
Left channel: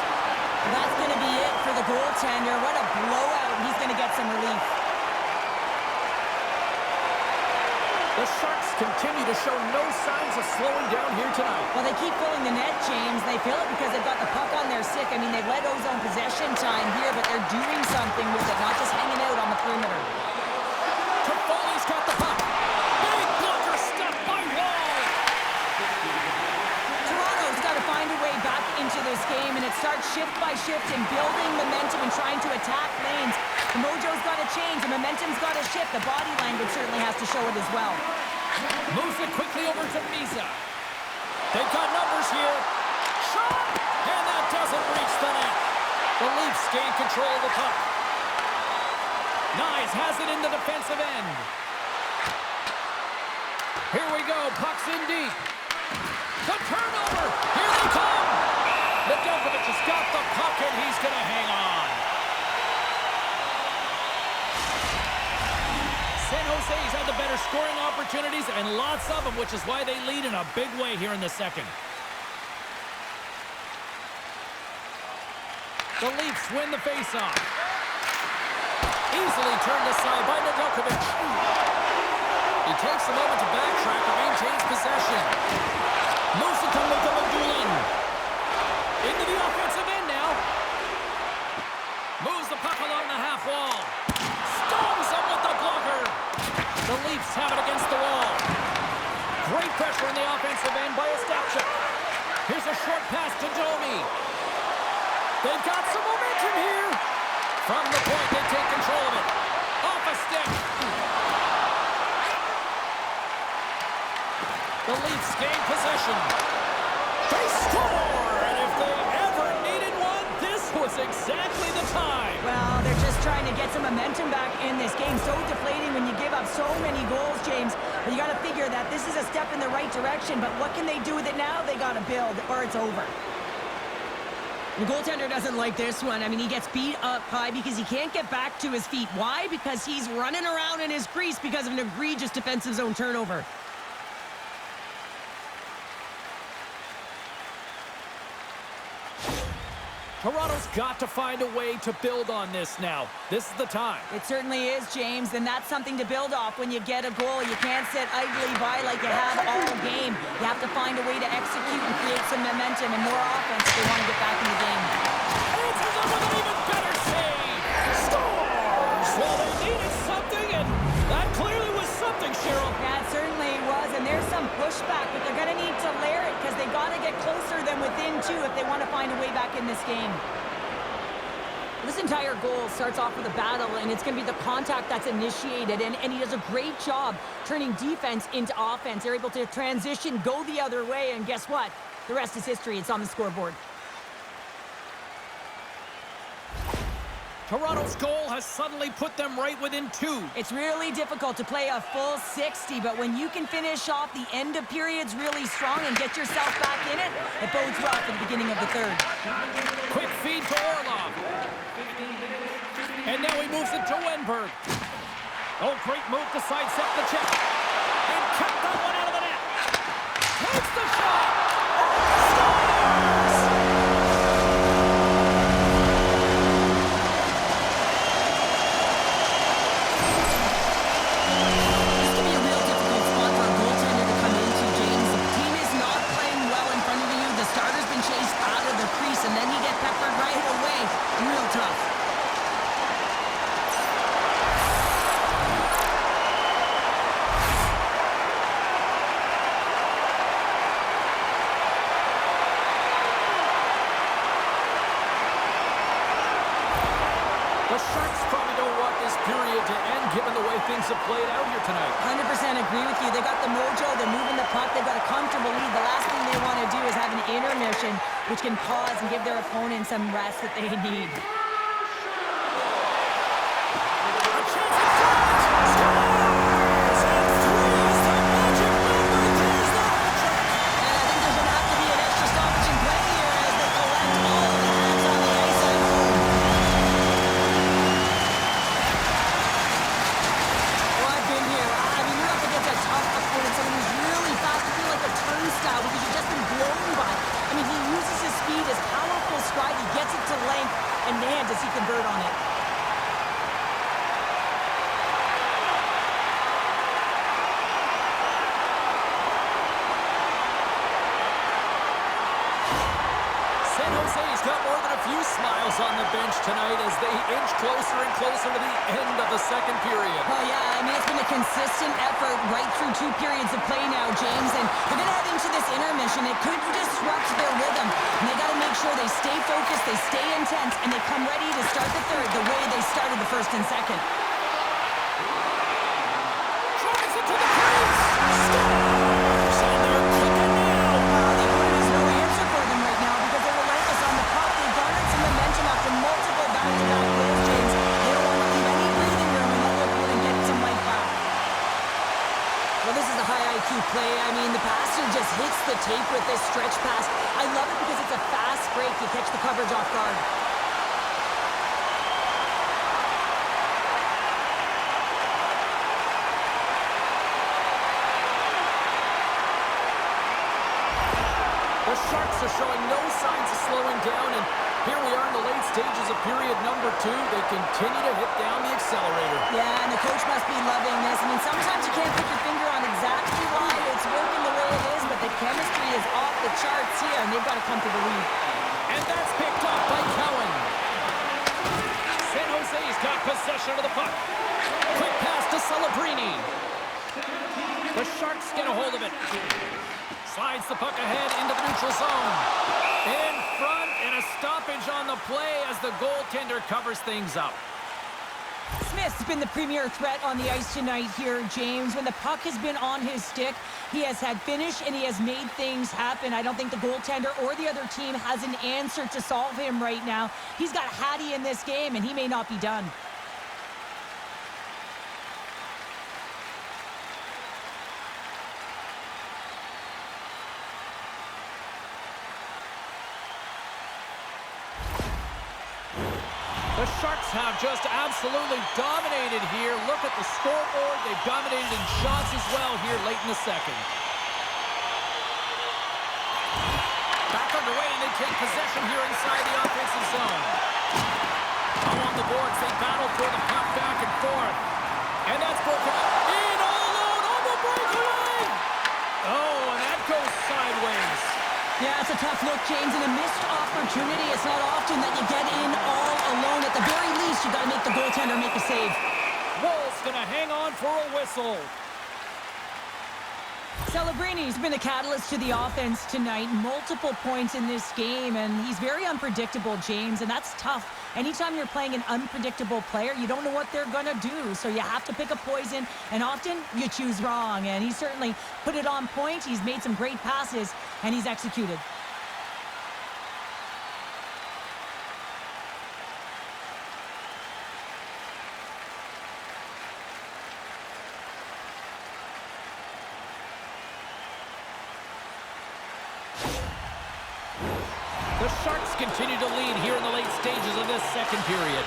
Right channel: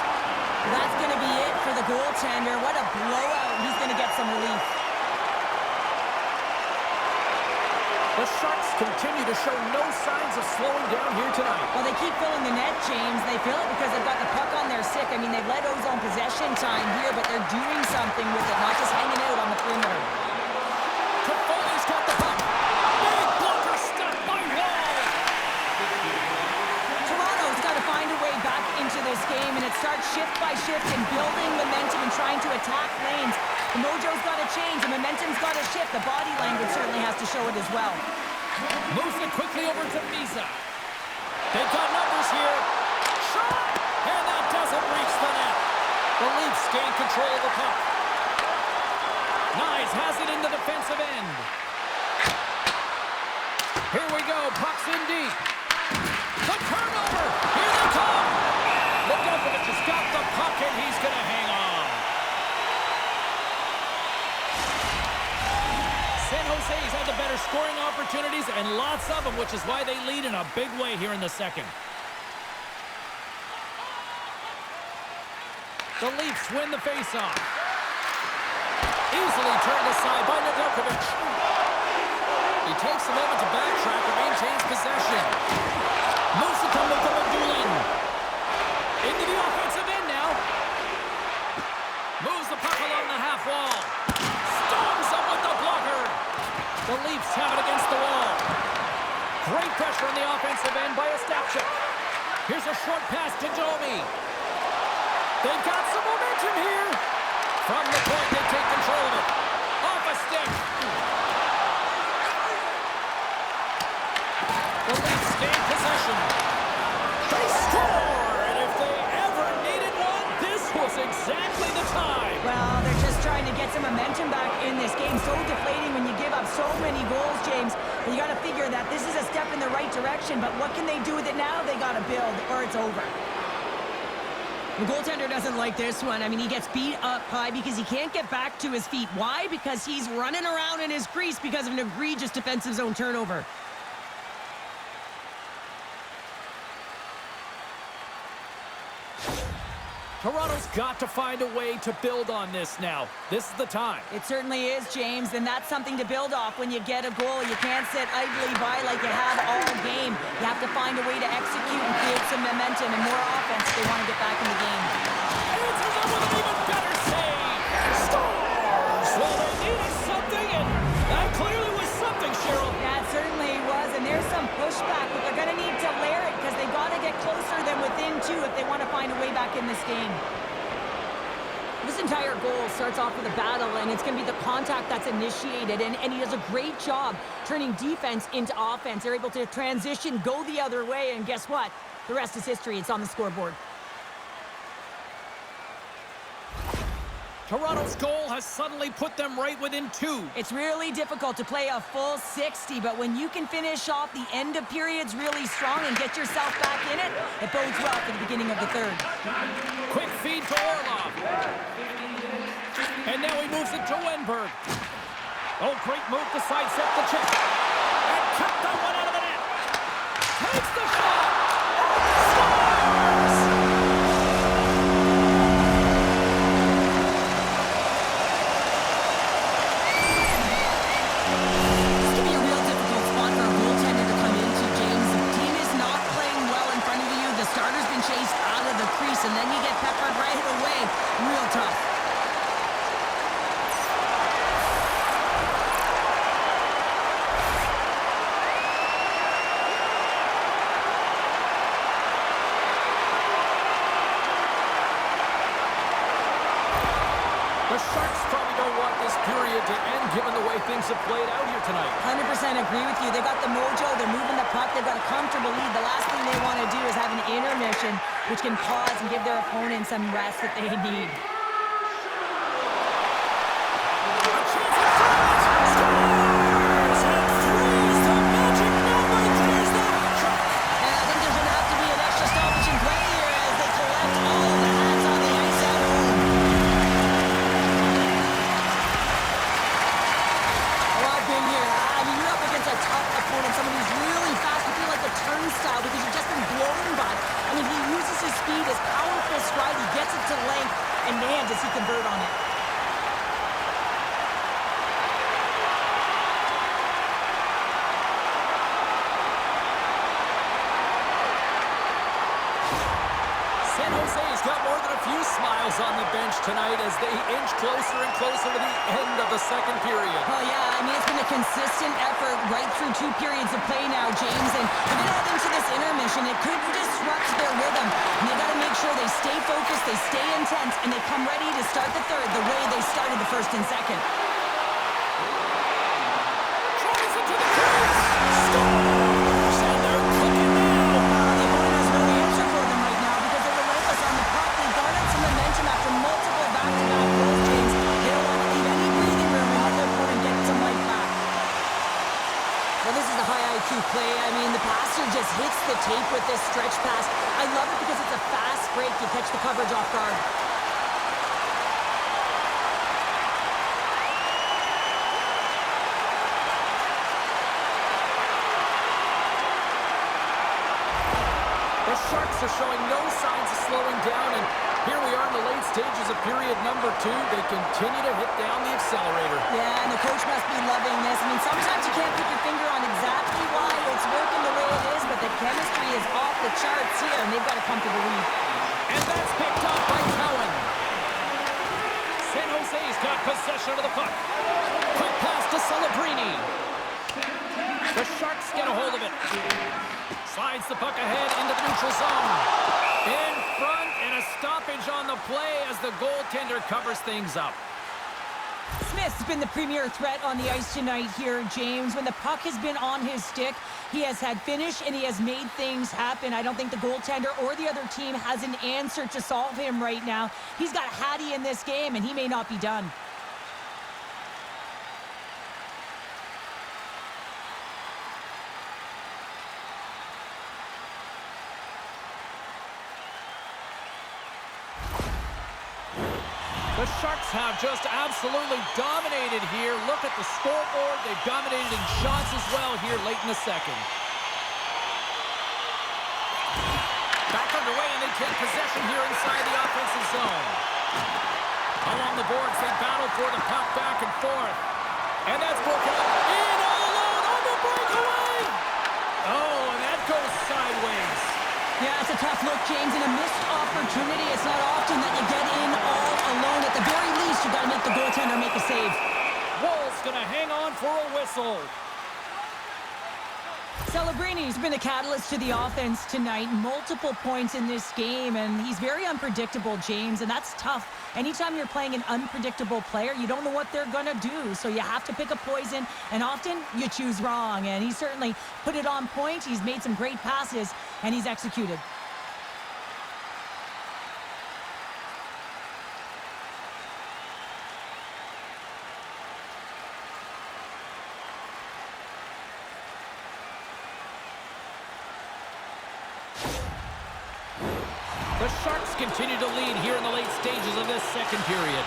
That's going to be it for the goaltender. What a blowout. He's going to get some relief. The Sharks continue to show no signs of slowing down here tonight. Well, they keep filling the net, James. They fill it because they've got the puck on their stick. I mean, they've led ozone possession time here, but they're doing something with it, not just hanging out on the perimeter. Toffoli's got the puck. Big blocker step by Wall. Toronto's got to find a way back into this game, and it starts shift by shift and building momentum and trying to attack lanes. The mojo's got to change. The momentum's got to shift. The body language certainly has to show it as well. Moves it quickly over to Misa. They've got numbers here. Shot! And that doesn't reach the net. The Leafs gain control of the puck. Nyes has it in the defensive end. Here we go. Puck's in deep. The turnover. Here they come. Nedeljkovic has got the puck, and he's going to hang on. San Jose's had the better scoring opportunities, and lots of them, which is why they lead in a big way here in the second. The Leafs win the faceoff. Easily turned aside by Nedeljkovic. He takes a moment to backtrack and maintains possession. Moves it to Mugulagulin. Into the offensive end now. Moves the puck along the half wall. Stones up with the blocker. The Leafs have it against the wall. Great pressure on the offensive end by Ostapchuk. Here's a short pass to Domi. They've got some momentum here. From the point, they take control of it. Off a stick. The Leafs gain possession. They score! And if they ever needed one, this was exactly the time. Well, they're just trying to get some momentum back in this game. So deflating when you give up so many goals, James. But you got to figure that this is a step in the right direction. But what can they do with it now? They got to build, or it's over. The goaltender doesn't like this one. I mean, he gets beat up high because he can't get back to his feet. Why? Because he's running around in his crease because of an egregious defensive zone turnover. Toronto's got to find a way to build on this now. This is the time. It certainly is, James, and that's something to build off when you get a goal. You can't sit idly by like you have all game. You have to find a way to execute and create some momentum and more offense if they want to get back in the game. Answers up with an even better save. Scores! Well, they needed something, and that clearly was something, Cheryl. Yeah, it certainly was, and there's some pushback, but they're going to need to layer it because they've got to get closer than within two if they want to find a way back in this game. This entire goal starts off with a battle, and it's going to be the contact that's initiated, and he does a great job turning defense into offense. They're able to transition, go the other way, and guess what? The rest is history. It's on the scoreboard. Toronto's goal has suddenly put them right within two. It's really difficult to play a full 60, but when you can finish off the end of periods really strong and get yourself back in it, it bodes well for the beginning of the third. Quick feed to Orlov. And now he moves it to Wenberg. Oh, great move to sidestep the check. And kept that one out of the net. Takes the shot. Scores! Starter's been chased out of the crease, and then you get peppered right away. Real tough. The Sharks probably don't want this period to end given the way things have played out here tonight. 100% agree with you. They got the mojo. They're moving the puck. They've got a comfortable lead. The last thing they want to do is have an intermission, which can pause and give their opponent some rest that they need. A chance in front! Scores! And 3 is the magic number. There's the hat trick. And I think there's going to have to be an extra stoppage in play here as they collect all of the hats on the ice at home. In here. I mean, you're up against a tough opponent, someone who's really fast. You feel like a turnstile because you've just been blown by. I mean, he uses his speed, his powerful stride. He gets it to length, and man, does he convert on it. San Jose's got more than a few smiles on the bench tonight as they inch closer and closer to the end of the second period. Oh, yeah, I mean, it's been a consistent effort right through 2 periods of play now, James, and they're going to head into this intermission. It could disrupt their rhythm, and they got to make sure they stay focused, they stay intense, and they come ready to start the third the way they started the first and second. Drives it to the crease! Scores! And they're clicking now! The opponent has no answer for them right now because they're relentless on the puck. They garnered some momentum after multiple back-to-back goals, James. They don't want to leave any breathing room and let their opponent get some life back. Well, this is a high IQ play. I mean, the passer just hits the tape with this stretch pass. I love it because it's a fast break. You catch the coverage off guard. The Sharks are showing no signs of slowing down, and Here we are in the late stages of period number 2. They continue to hit down the accelerator. Yeah, and the coach must be loving this. I mean, sometimes you can't put your finger on exactly why it's working the way it is, but the chemistry is off the charts here, and they've got to come to the lead. And that's picked up by Cowan. San Jose's got possession of the puck. Quick pass to Celebrini. The Sharks get a hold of it. Slides the puck ahead into the neutral zone. In front, and a stoppage on the play as the goaltender covers things up. Smith's been the premier threat on the ice tonight here, James. When the puck has been on his stick, he has had finish and he has made things happen. I don't think the goaltender or the other team has an answer to solve him right now. He's got Hattie in this game, and he may not be done. The Sharks have just absolutely dominated here. Look at the scoreboard. They've dominated in shots as well here late in the second. Back underway, and they take possession here inside the offensive zone. Along the boards, they battle for the puck back and forth. And that's broken up. In all alone on the breakaway. Oh, and that goes sideways. Yeah, it's a tough look, James, and a missed opportunity. It's not often that you get in all alone. At the very least, you got to make the goaltender make a save. Wool's going to hang on for a whistle. Celebrini's been a catalyst to the offense tonight. Multiple points in this game, and he's very unpredictable, James, and that's tough. Anytime you're playing an unpredictable player, you don't know what they're going to do, so you have to pick a poison, and often you choose wrong, and he certainly put it on point. He's made some great passes, and he's executed. The Sharks continue to lead here in the late stages of this second period.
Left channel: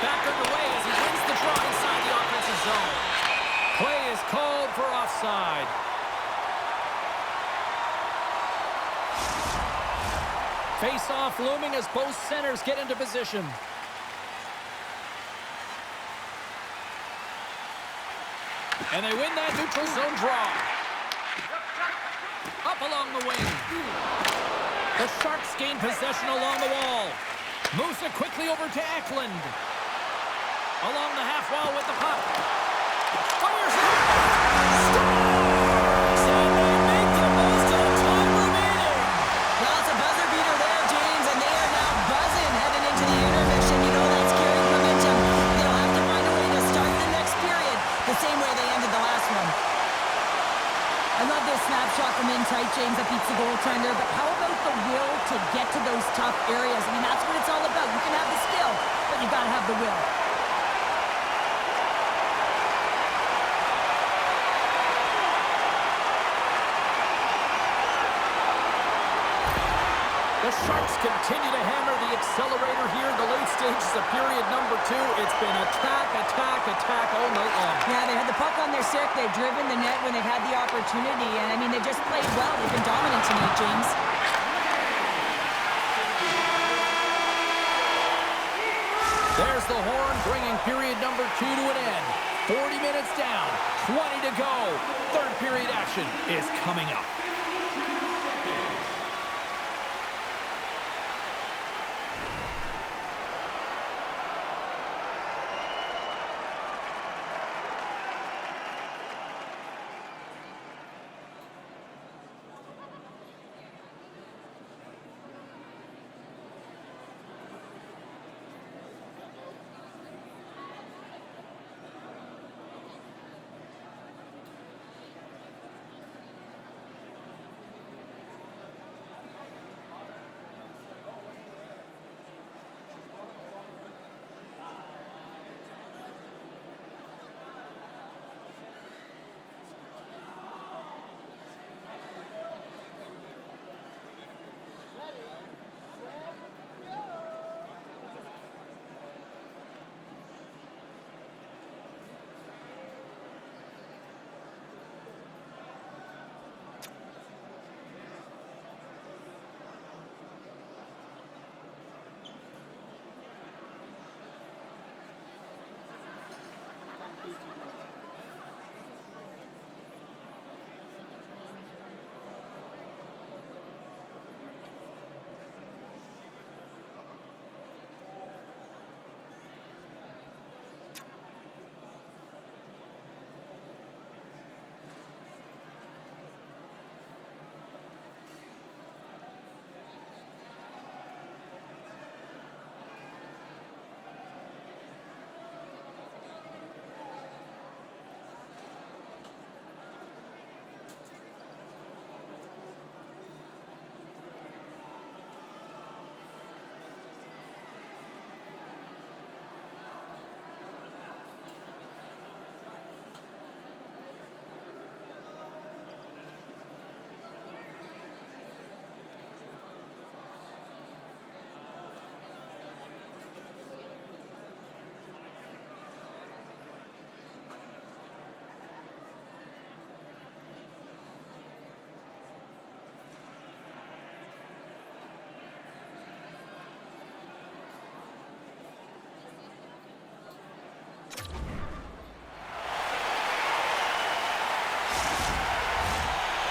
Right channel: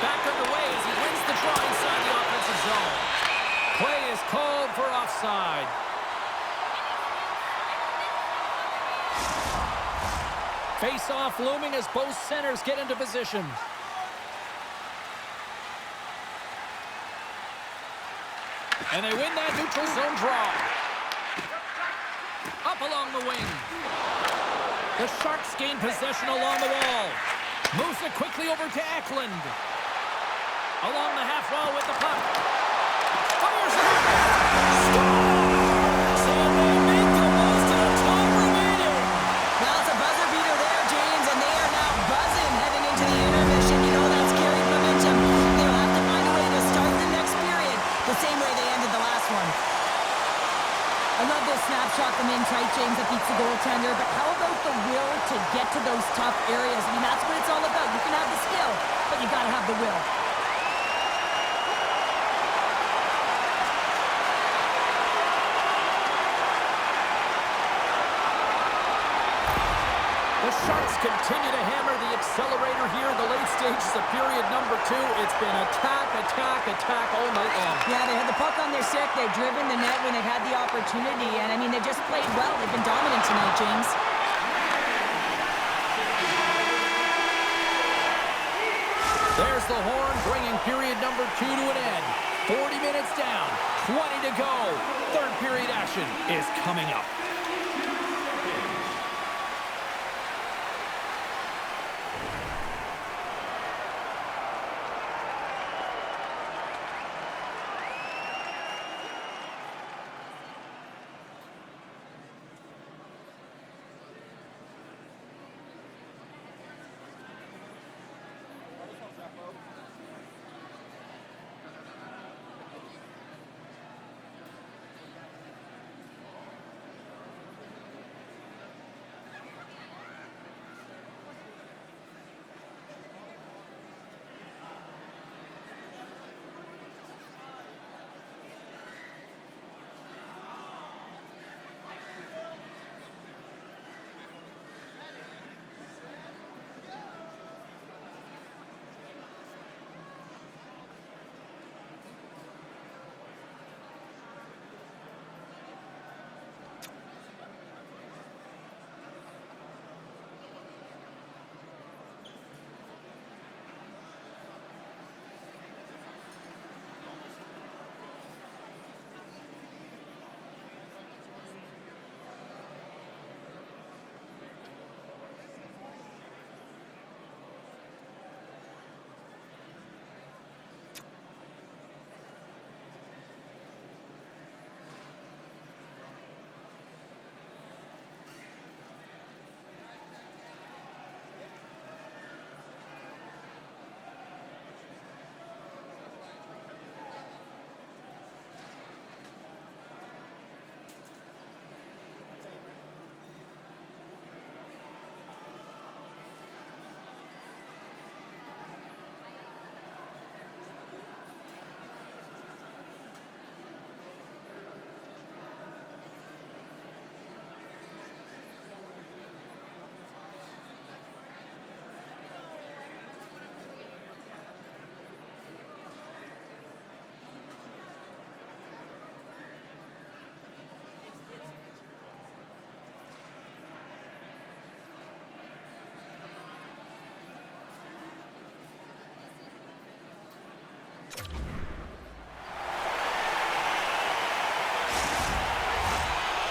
Back underway as he wins the draw inside the offensive zone. Play is called for offside. Face-off looming as both centers get into position. And they win that neutral zone draw. Up along the wing. The Sharks gain possession along the wall. Moves it quickly over to Eklund. Along the half wall with the puck. Fires it up. Scores! And they make the most of the time remaining. Well, it's a buzzer beater there, James, and they are now buzzing heading into the intermission. You know that's carried momentum. They'll have to find a way to start the next period the same way they ended the last one. I love this snapshot from in tight, James, that beats the goaltender, but how about the will to get to those tough areas? I mean, that's what it's all about. You can have the skill, but you got to have the will. The Sharks continue to hammer the accelerator here in the late stages of period number 2. It's been attack, attack, attack all night long. Yeah, they had the puck on their stick. They've driven the net when they've had the opportunity. And, I mean, they've just played well. They've been dominant tonight, James. There's the horn bringing period number 2 to an end. 40 minutes down, 20 to go. Third period action is coming up.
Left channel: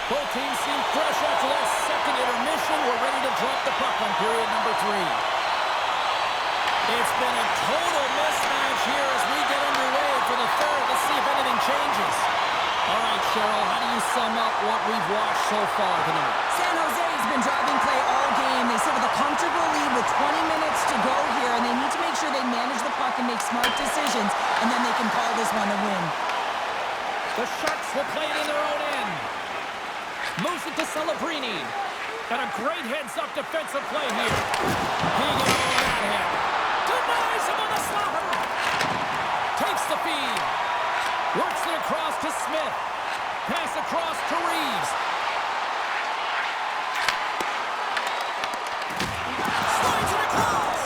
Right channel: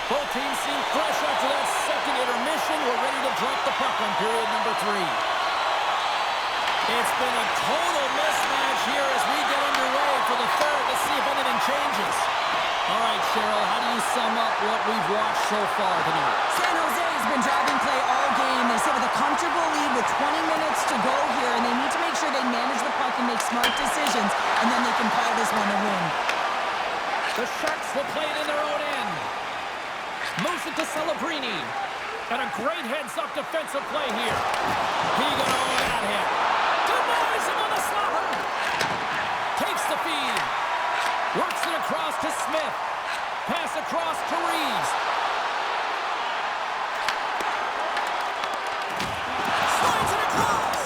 Both teams seem fresh after that second intermission. We're ready to drop the puck on period number 3. It's been a total mismatch here as we get underway for the third. Let's see if anything changes. All right, Cheryl, how do you sum up what we've watched so far tonight? San Jose has been driving play all game. They sit with a comfortable lead with 20 minutes to go here, and they need to make sure they manage the puck and make smart decisions, and then they can call this one a win. The Sharks will play it in their own end. Moves it to Celebrini. And a great heads-up defensive play here. He got all of that hit. Denies him on the slapper. Takes the feed. Works it across to Smith. Pass across to Reeves. Slides it across.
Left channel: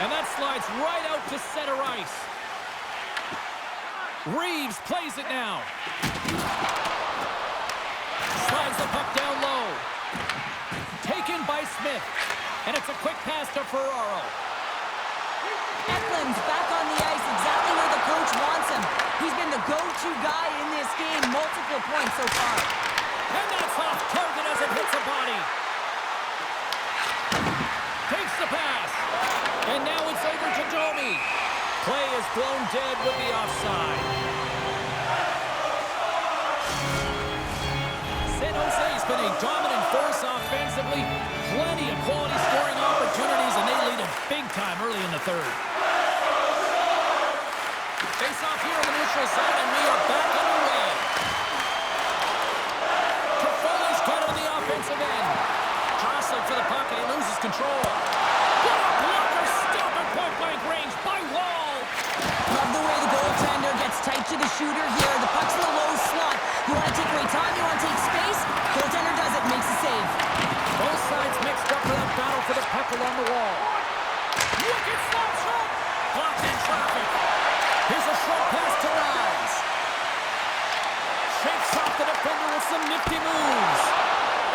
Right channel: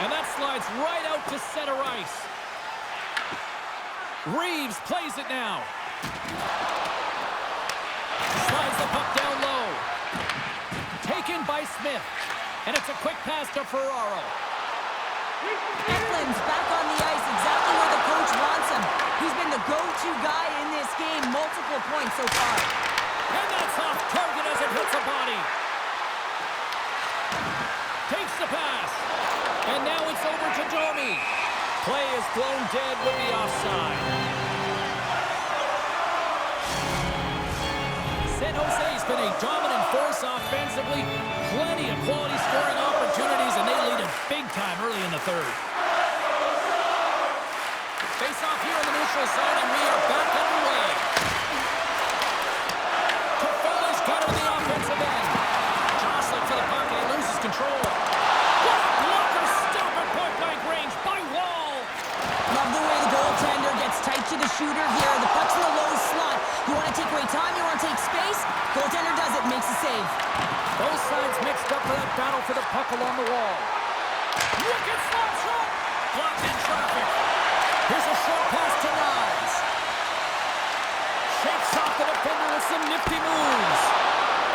And that slides right out to center ice. Reeves plays it now. Slides the puck down low. Taken by Smith. And it's a quick pass to Ferraro. Eklund's back on the ice, exactly where the coach wants him. He's been the go-to guy in this game, multiple points so far. And that's off target as it hits a body. Takes the pass. And now it's over to Domi. Play is blown dead with the offside. San Jose's been a dominant force offensively. Plenty of quality scoring opportunities, and they lead it big time early in the third. Face off here in the neutral zone, and we are back underway. Toffoli's got it on the offensive end. Jostling for the puck, and he loses control. What a blocker! Stop at point-blank range by Wall. Love the way the goaltender gets tight to the shooter here. The puck's in the low slot. You want to take away time, you want to take space. Goaltender does it, makes the save. Both sides mixed up for that battle for the puck along the wall. Wicked slap shot! Blocked in traffic. Here's a short pass to Rise. Shakes off the defender with some nifty moves.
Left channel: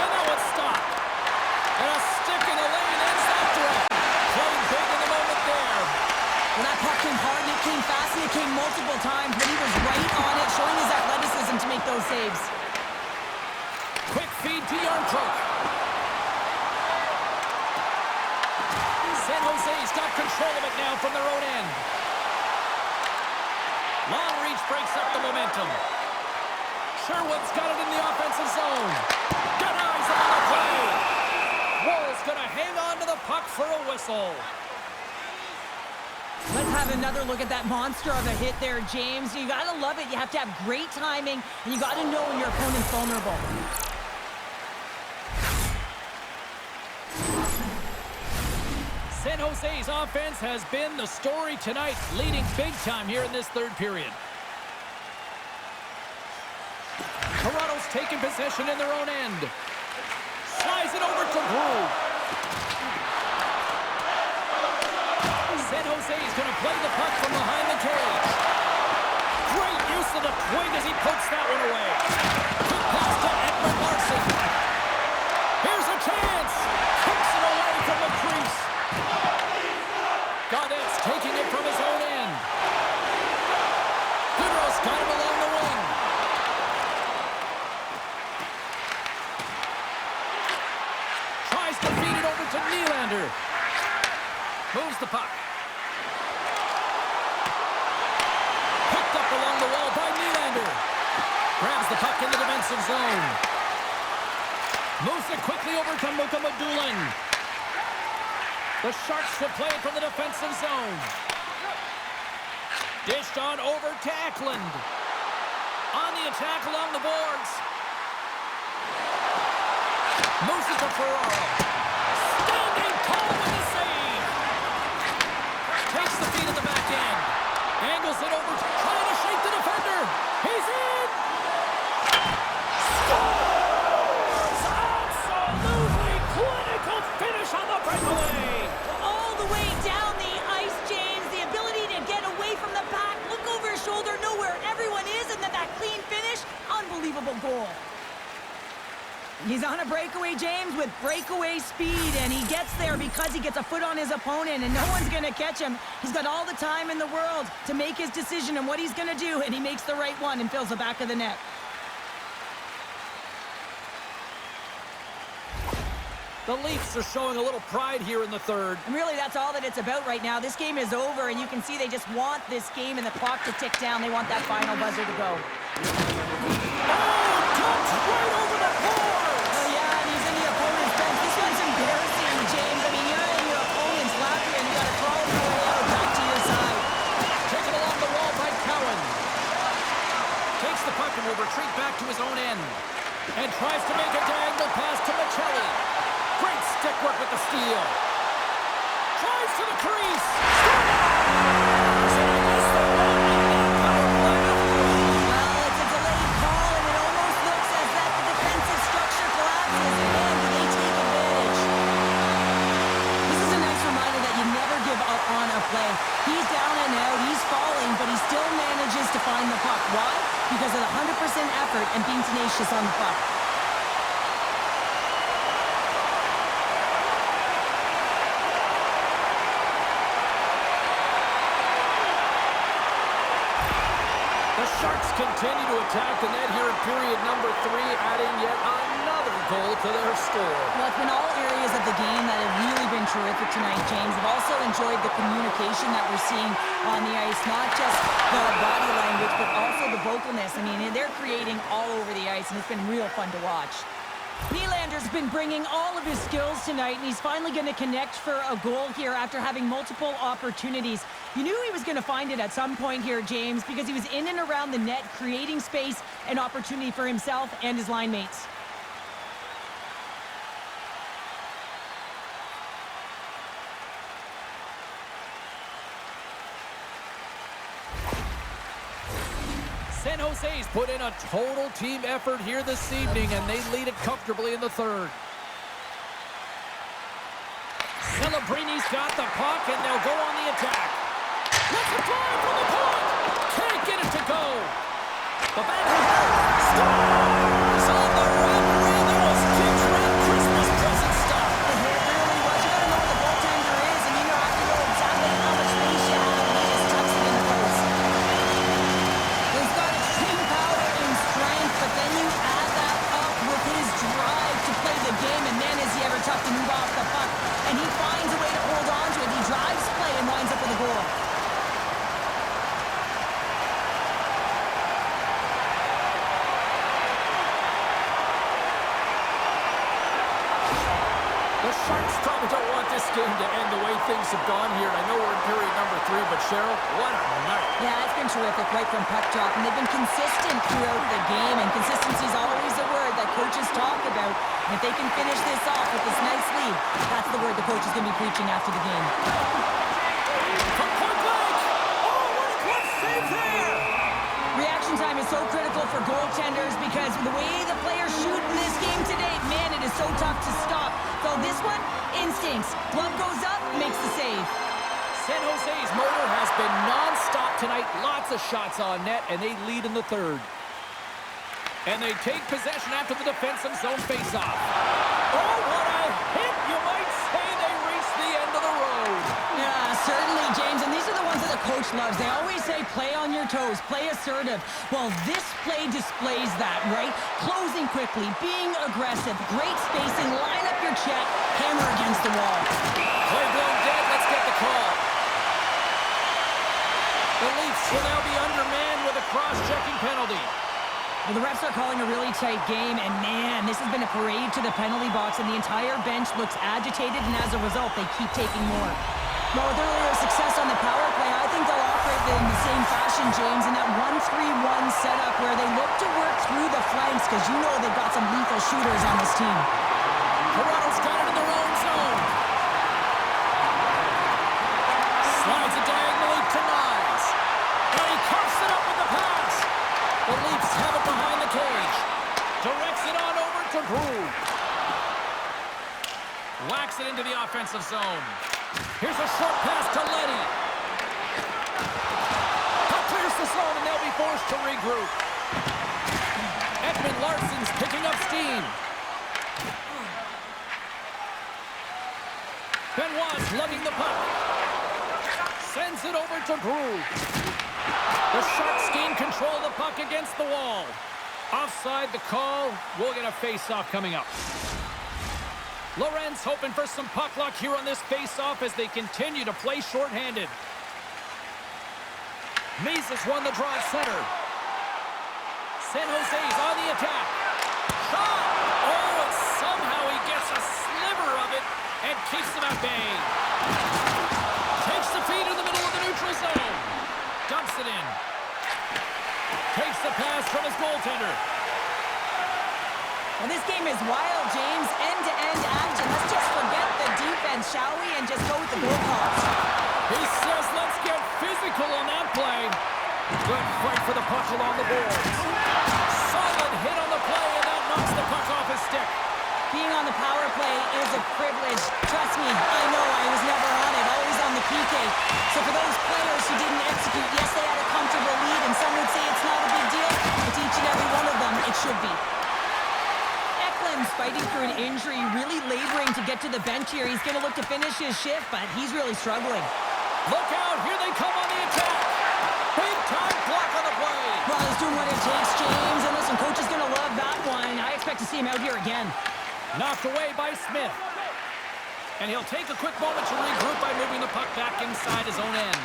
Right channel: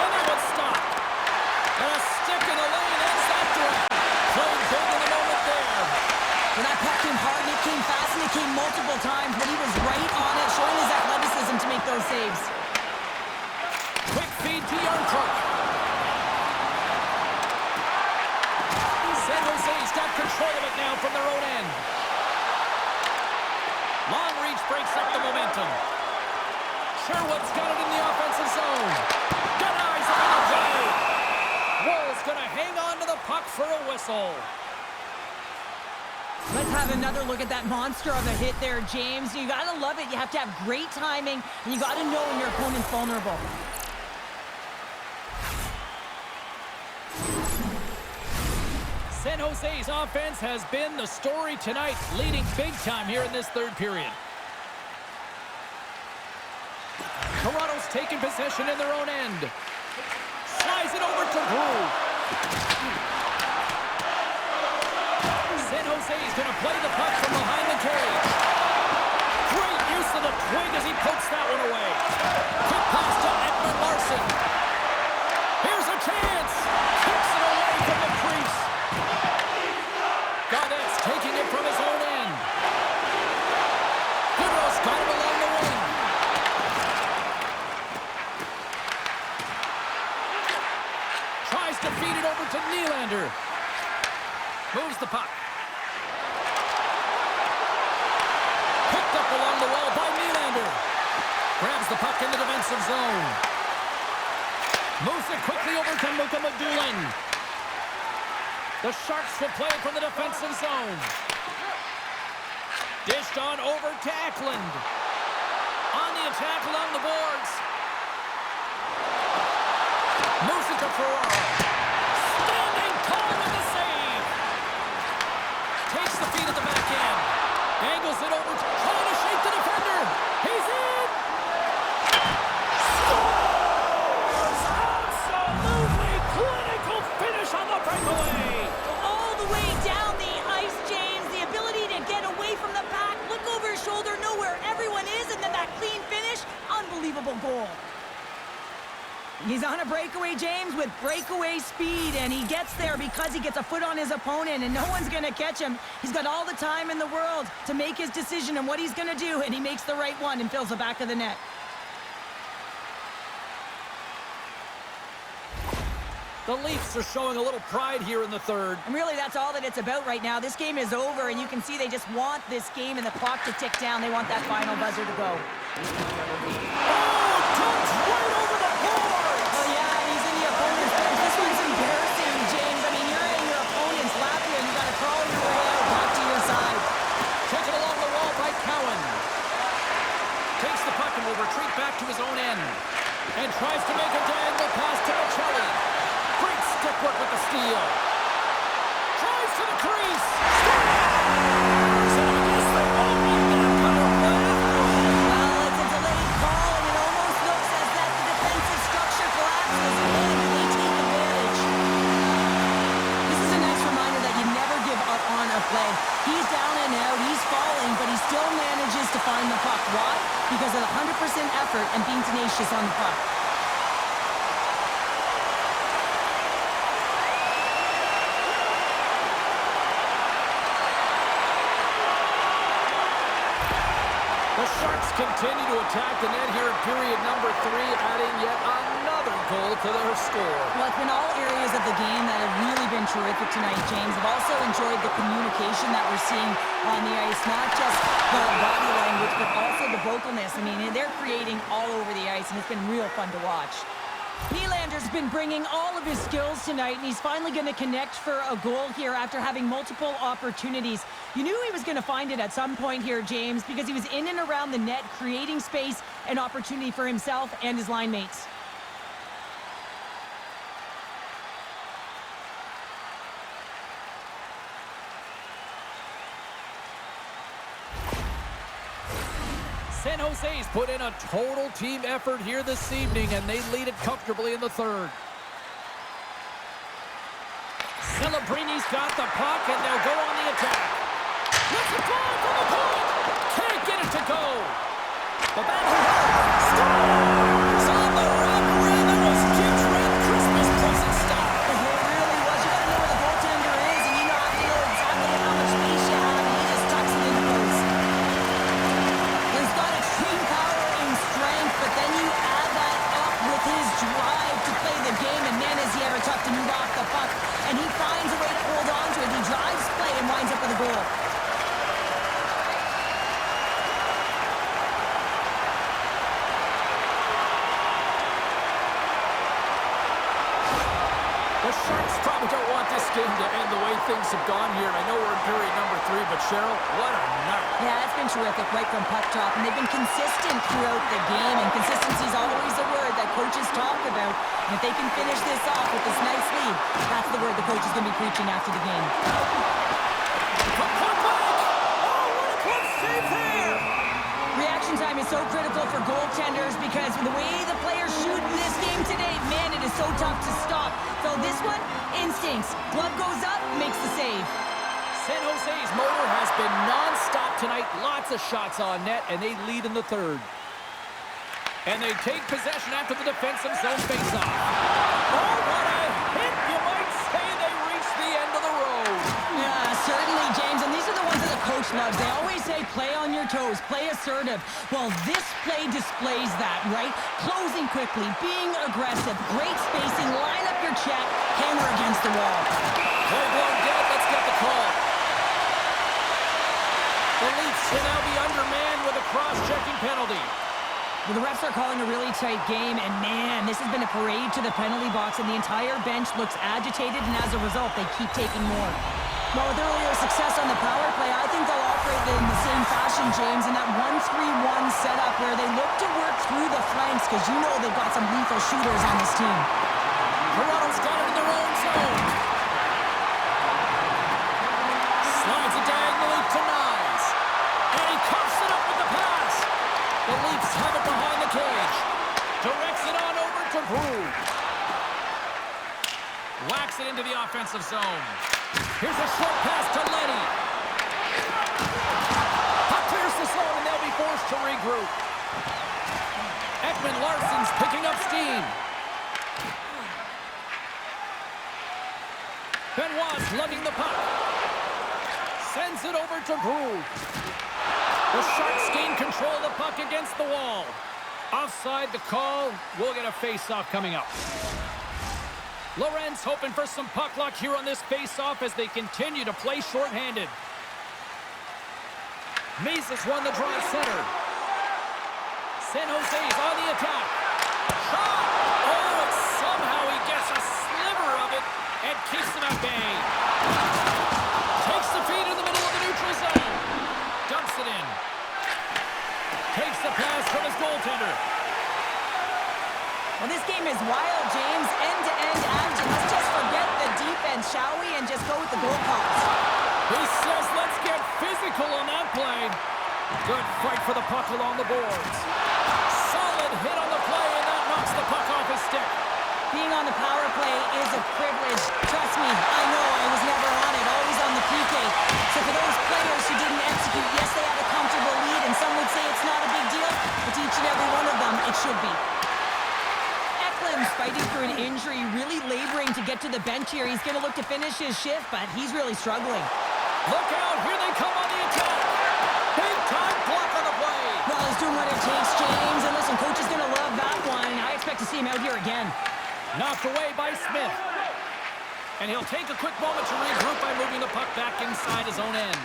And that one's stopped. And a stick in the lane ends that threat. Playing big in the moment there. Well, that puck came hard, and it came fast, and it came multiple times, but he was right on it, showing his athleticism to make those saves. Quick feed to Yarncroke. San Jose's got control of it now from their own end. Long reach breaks up the momentum. Sherwood's got it in the offensive zone. Denies him on the play. Wall's going to hang on to the puck for a whistle. Let's have another look at that monster of a hit there, James. You got to love it. You have to have great timing, and you got to know when your opponent's vulnerable. San Jose's offense has been the story tonight, leading big time here in this third period. Toronto's taking possession in their own end. Slides it over to Brew. San Jose's going to play the puck from behind the cage. Great use of the twig as he pokes that one away. Quick pass to Edmund Larson. Here's a chance. Kicks it away from the crease. Gaudet's taking it from his own end. Goodrow's got him along the wing. Tries to feed it over to Nylander. Moves the puck. Picked up along the wall by Nylander. Grabs the puck in the defensive zone. Moves it quickly over to Mukamadulin. The Sharks will play it from the defensive zone. Dished on over to Eklund. On the attack along the boards. Moves it to Ferraro. Standing tall with the save. Takes the feed at the back end. Angles it over, trying to shake the defender. He's in. Scores! Absolutely clinical finish on the breakaway. All the way down the ice, James. The ability to get away from the back, look over his shoulder, know where everyone is, and then that clean finish. Unbelievable goal. He's on a breakaway, James, with breakaway speed, and he gets there because he gets a foot on his opponent, and no one's going to catch him. He's got all the time in the world to make his decision on what he's going to do, and he makes the right one and fills the back of the net. The Leafs are showing a little pride here in the third. And really, that's all that it's about right now. This game is over, and you can see they just want this game and the clock to tick down. They want that final buzzer to go. Oh, dumped right over the boards! Oh, yeah, and he's in the opponent's bench. This one's embarrassing, James. I mean, you're in your opponent's lap here, and you got to crawl your way out back to your side. Taken along the wall by Cowan. Takes the puck and will retreat back to his own end. And tries to make a diagonal pass to Michelli. Great stick work with the steal. Drives to the crease. Scores! And I guess they won't need that power play after all. Well, it's a delayed call, and it almost looks as that the defensive structure collapses. And do they take advantage? This is a nice reminder that you never give up on a play. He's down and out, he's falling, but he still manages to find the puck. Why? Because of the 100% effort and being tenacious on the puck. The Sharks continue to attack the net here in period number 3, adding yet another goal to their score. Well, it's been all areas of the game that have really been terrific tonight, James. I've also enjoyed the communication that we're seeing on the ice, not just the body language, but also the vocalness. I mean, they're creating all over the ice, and it's been real fun to watch. Nylander's been bringing all of his skills tonight, and he's finally going to connect for a goal here after having multiple opportunities. You knew he was going to find it at some point here, James, because he was in and around the net, creating space and opportunity for himself and his line mates. San Jose's put in a total team effort here this evening, and they lead it comfortably in the third. Celebrini's got the puck, and they'll go on the attack. Let's it fly from the point! Can't get it to go! The backhand scores! On the wraparound, that was Jim's Red Christmas present style. It really was. You got to know where the goaltender is, and you have to know exactly how much space you have, and he just tucks it in the post. He's got extreme power and strength, but then you add that up with his drive to play the game, and man, is he ever tough to move off the puck. And he finds a way to hold on to it. He drives play and winds up with a goal. The Sharks probably don't want this game to end the way things have gone here. And I know we're in period number 3, but Cheryl, what a night. Yeah, it's been terrific right from puck drop, and they've been consistent throughout the game, and consistency is always a word that coaches talk about. And if they can finish this off with this nice lead, that's the word the coach is going to be preaching after the game. From point blank! Oh, what a clutch save there! Reaction time is so critical for goaltenders because the way the players shoot in this game today, man, it is so tough to stop. So this one, instincts. Glove goes up, makes the save. San Jose's motor has been non-stop tonight. Lots of shots on net, and they lead in the third. And they take possession after the defensive zone faceoff. Oh, what a hit! You might say they reached the end of the road. Yeah, certainly, James. And these are the ones that the coach loves. They always say, play on your toes, play assertive. Well, this play displays that, right? Closing quickly, being aggressive, great spacing, line up your check, hammer against the wall. Play blown dead. Let's get the call. The Leafs will now be undermanned with a cross-checking penalty. Well, the refs are calling a really tight game, and man, this has been a parade to the penalty box, and the entire bench looks agitated, and as a result, they keep taking more. Well, with earlier success on the power play, I think they'll operate in the same fashion, James, in that 1-3-1 setup where they look to work through the flanks, because you know they've got some lethal shooters on this team. Toronto's got it in their own zone. Slides it diagonally to Nyes. And he cuffs it up with the pass. The Leafs have it behind the cage. Directs it on over to Brew. Whacks it into the offensive zone. Here's a short pass to Leddy. Puck clears the zone, and they'll be forced to regroup. Ekman Larsson's picking up steam. Benoit's lugging the puck. Sends it over to Brew. The Sharks gain control of the puck against the wall. Offside the call. We'll get a face-off coming up. Lorenz hoping for some puck luck here on this face-off as they continue to play shorthanded. Mises won the draw at center. San Jose's on the attack. Shot! Oh, and somehow he gets a sliver of it and keeps them at bay. Takes the feed in the middle of the neutral zone. Dumps it in. Takes the pass from his goaltender. Well, this game is wild, James. End-to-end action. Let's just forget the defense, shall we? And just go with the goal calls. He says, let's get physical on that play. Good fight for the puck along the boards. Solid hit on the play, and that knocks the puck off his stick. Being on the power play is a privilege. Trust me, I know I was never on it, always on the PK. So for those players who didn't execute, yes, they had a comfortable lead, and some would say it's not a big deal, but to each and every one of them, it should be. Eklund's fighting through an injury, really laboring to get to the bench here. He's going to look to finish his shift, but he's really struggling. Look out, here they come on the attack. Big time block on the play. Well, he's doing what it takes, James. And listen, coach is going to love that one. I expect to see him out here again. Knocked away by Smith. And he'll take a quick moment to regroup by moving the puck back inside his own end.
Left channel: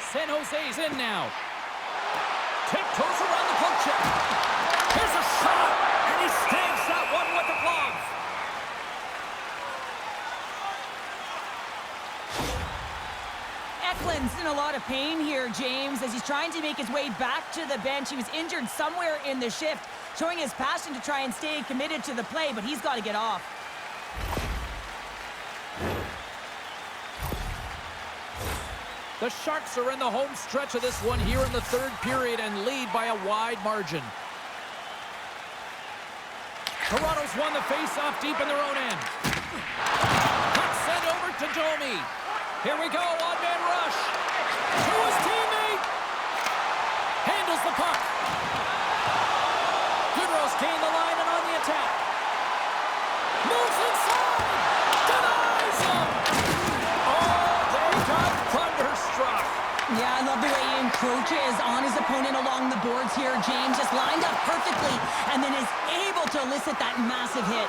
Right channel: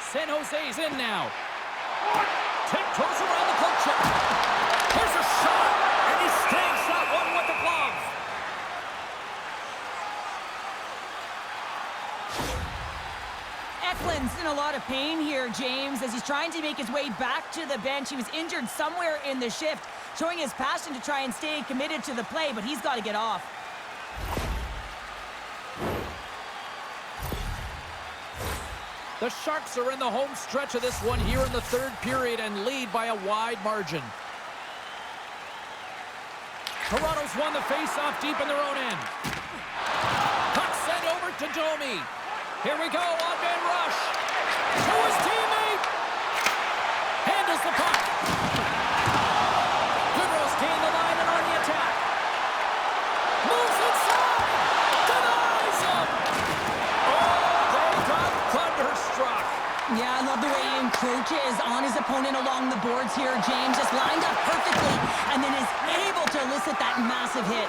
San Jose's in now. Tiptoes around the poke check. Here's a shot. And he stays that one with the glove. Eklund's in a lot of pain here, James, as he's trying to make his way back to the bench. He was injured somewhere in the shift, showing his passion to try and stay committed to the play, but he's got to get off. The Sharks are in the home stretch of this one here in the third period and lead by a wide margin. Toronto's won the face-off deep in their own end. Puck sent over to Domi. Here we go, on-man rush. To his teammate. Handles the puck. Goodrow's gained the line and on the attack. Moves inside. Denies him. Oh, they got thunderstruck. Yeah, I love the way he encroaches on his opponent along the boards here, James. Just lined up perfectly and then is able to elicit that massive hit.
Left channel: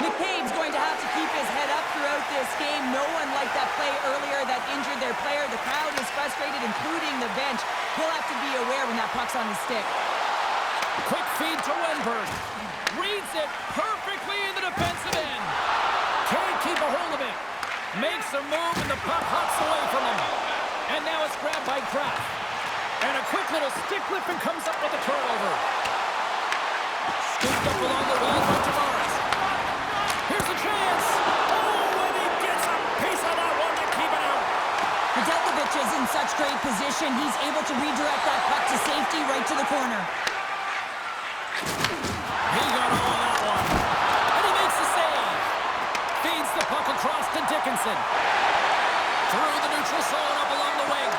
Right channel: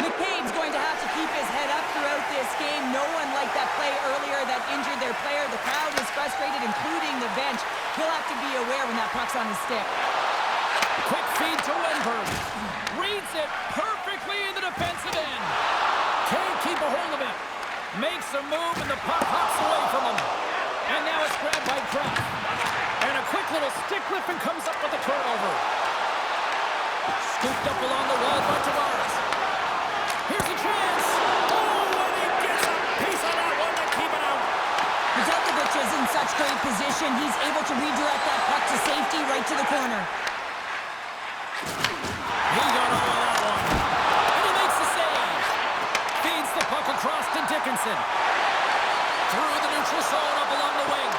McCabe's going to have to keep his head up throughout this game. No one liked that play earlier that injured their player. The crowd is frustrated, including the bench. He'll have to be aware when that puck's on his stick. Quick feed to Wenberg. Reads it perfectly in the defensive end. Can't keep a hold of it. Makes a move and the puck hops away from him. And now it's grabbed by Kraft. And a quick little stick lift and comes up with a turnover. Scooped up along the wall by Tavares. Here's a chance. Oh, and he gets a piece of that one to keep it out. Nedeljkovic is in such great position. He's able to redirect that puck to safety right to the corner. He got all of that one. And he makes the save. Feeds the puck across to Dickinson. Through the neutral zone up along the wing.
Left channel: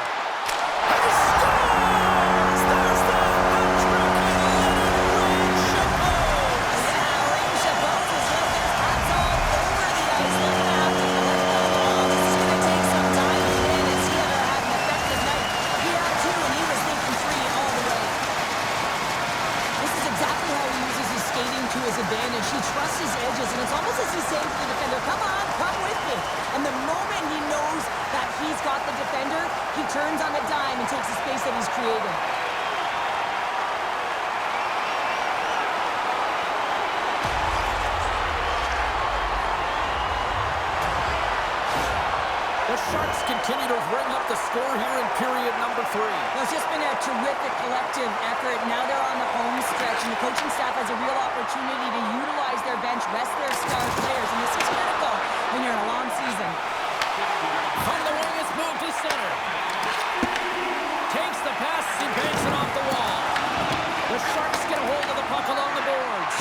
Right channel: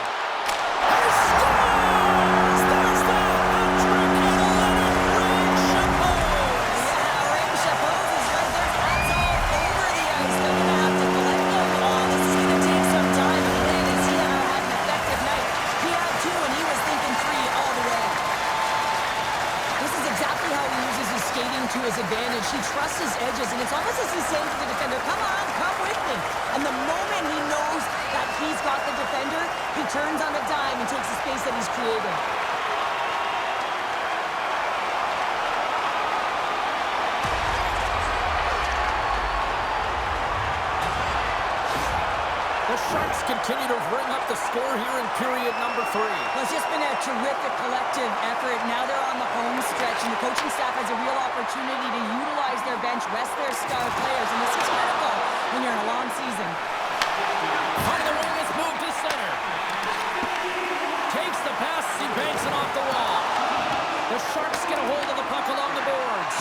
And he scores! There's the hat-trick and let it rain Chapeau! Yeah, Rain Chapeau is right there. Hats all over the ice. They're going to have to collect them all. This is going to take some time. Again, has he ever had an effective night? He had two, and he was thinking three all the way. This is exactly how he uses his skating to his advantage. He trusts his edges, and it's almost as he's saying to the defender, come on, come with me. And the moment he knows that he's got the defender, he turns on a dime and takes the space that he's created. The Sharks continue to ring up the score here in period number 3. Well, it's just been a terrific collective effort. Now they're on the home stretch, and the coaching staff has a real opportunity to utilize their bench, rest their star players, and this is critical when you're in a long season. On the wing, it's moved to center. Takes the pass, he banks it off the wall. The Sharks get a hold of the puck along the boards.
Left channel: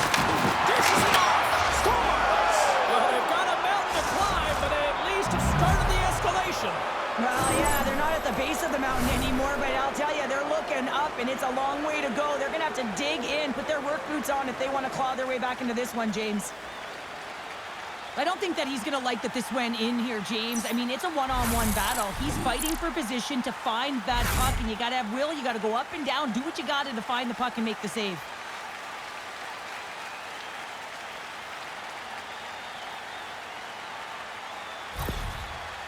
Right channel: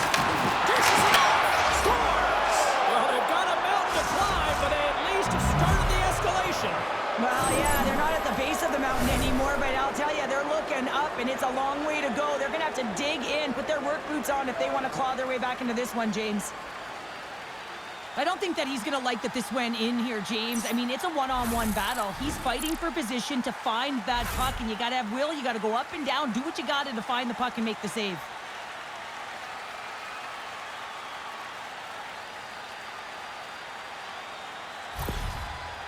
Dishes it off, scores! Well, they've got a mountain to climb, but they at least have started the escalation. Well, yeah, they're not at the base of the mountain anymore, but I'll tell you, they're looking up, and it's a long way to go. They're going to have to dig in, put their work boots on if they want to claw their way back into this one, James. I don't think that he's going to like that this went in here, James. I mean, it's a one-on-one battle. He's fighting for position to find that puck, and you got to have will. You got to go up and down, do what you got to find the puck and make the save.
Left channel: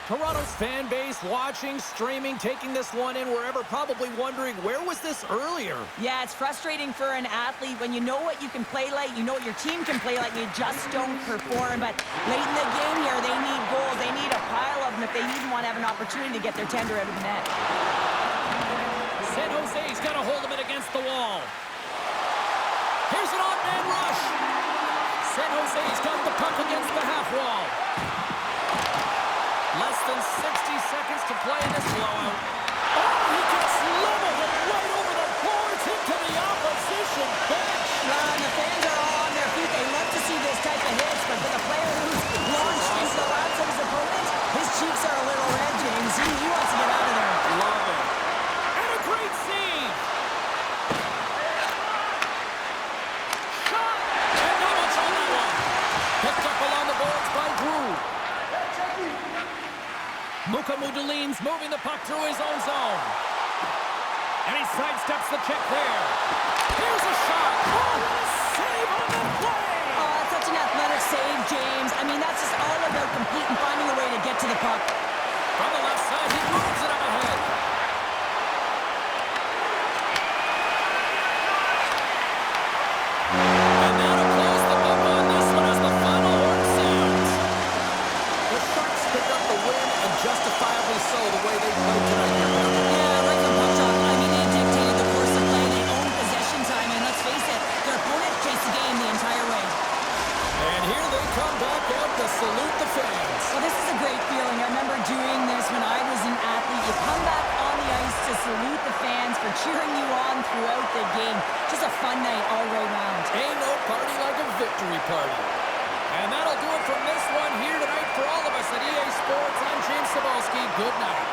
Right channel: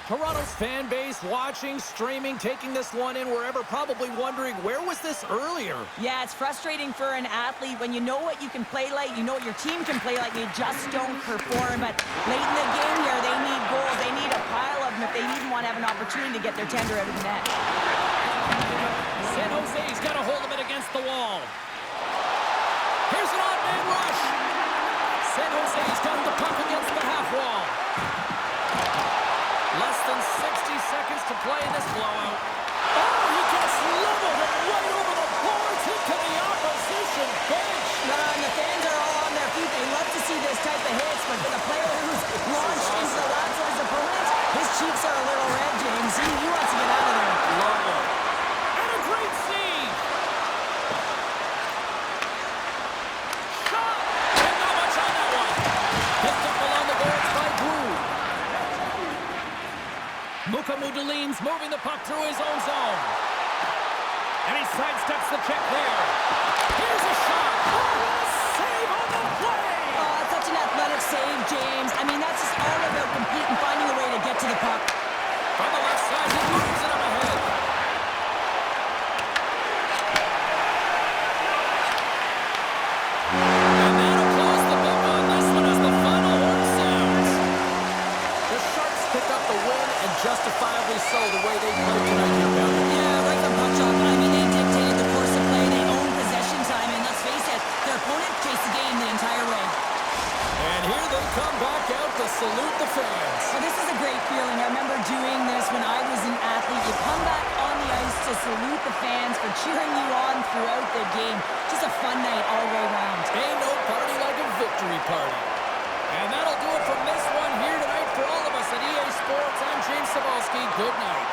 Toronto's fan base watching, streaming, taking this one in wherever, probably wondering, where was this earlier? Yeah, it's frustrating for an athlete when you know what you can play like, you know what your team can play like, you just don't perform. But late in the game here, they need goals. They need a pile of them if they even want to have an opportunity to get their tender out of the net. San Jose's got a hold of it against the wall. Here's an odd man rush. San Jose's got the puck against the half wall. Less than 60 seconds to play in this blowout. Oh, he gets leveled and right over the boards into the opposition bench. And the fans are all on their feet. They love to see this type of hits, but for the player who's launched into the laps of his opponent, his cheeks are a little red, James. He wants to get out of there. Love it. And a great save. Shot. And not much on that one. Picked up along the boards by Drew. Mukamudulin's moving the puck through his own zone. And he sidesteps the check there. Here's a shot. Oh, what a save on the play. Oh, such an athletic save, James. I mean, that's just all about competing, finding a way to get to the puck. From the left side, he moves it up ahead. And that'll close the book on this one as the final horn sounds. The Sharks picked up the win, and justifiably so, the way they played tonight here, Boundary. Yeah, right from puck drop. I mean, they dictated the course of play. They owned possession time, and let's face it, their opponent chased the game the entire way. And here they come back out to salute the fans. Well, this is a great feeling. I remember doing this when I was an athlete. You come back on the ice to salute the fans for cheering you on throughout the game. Just a fun night all the way around. Ain't no party like a victory party. And that'll do it from this one here tonight for all of us at EA Sports. I'm James Cebulski. Good night.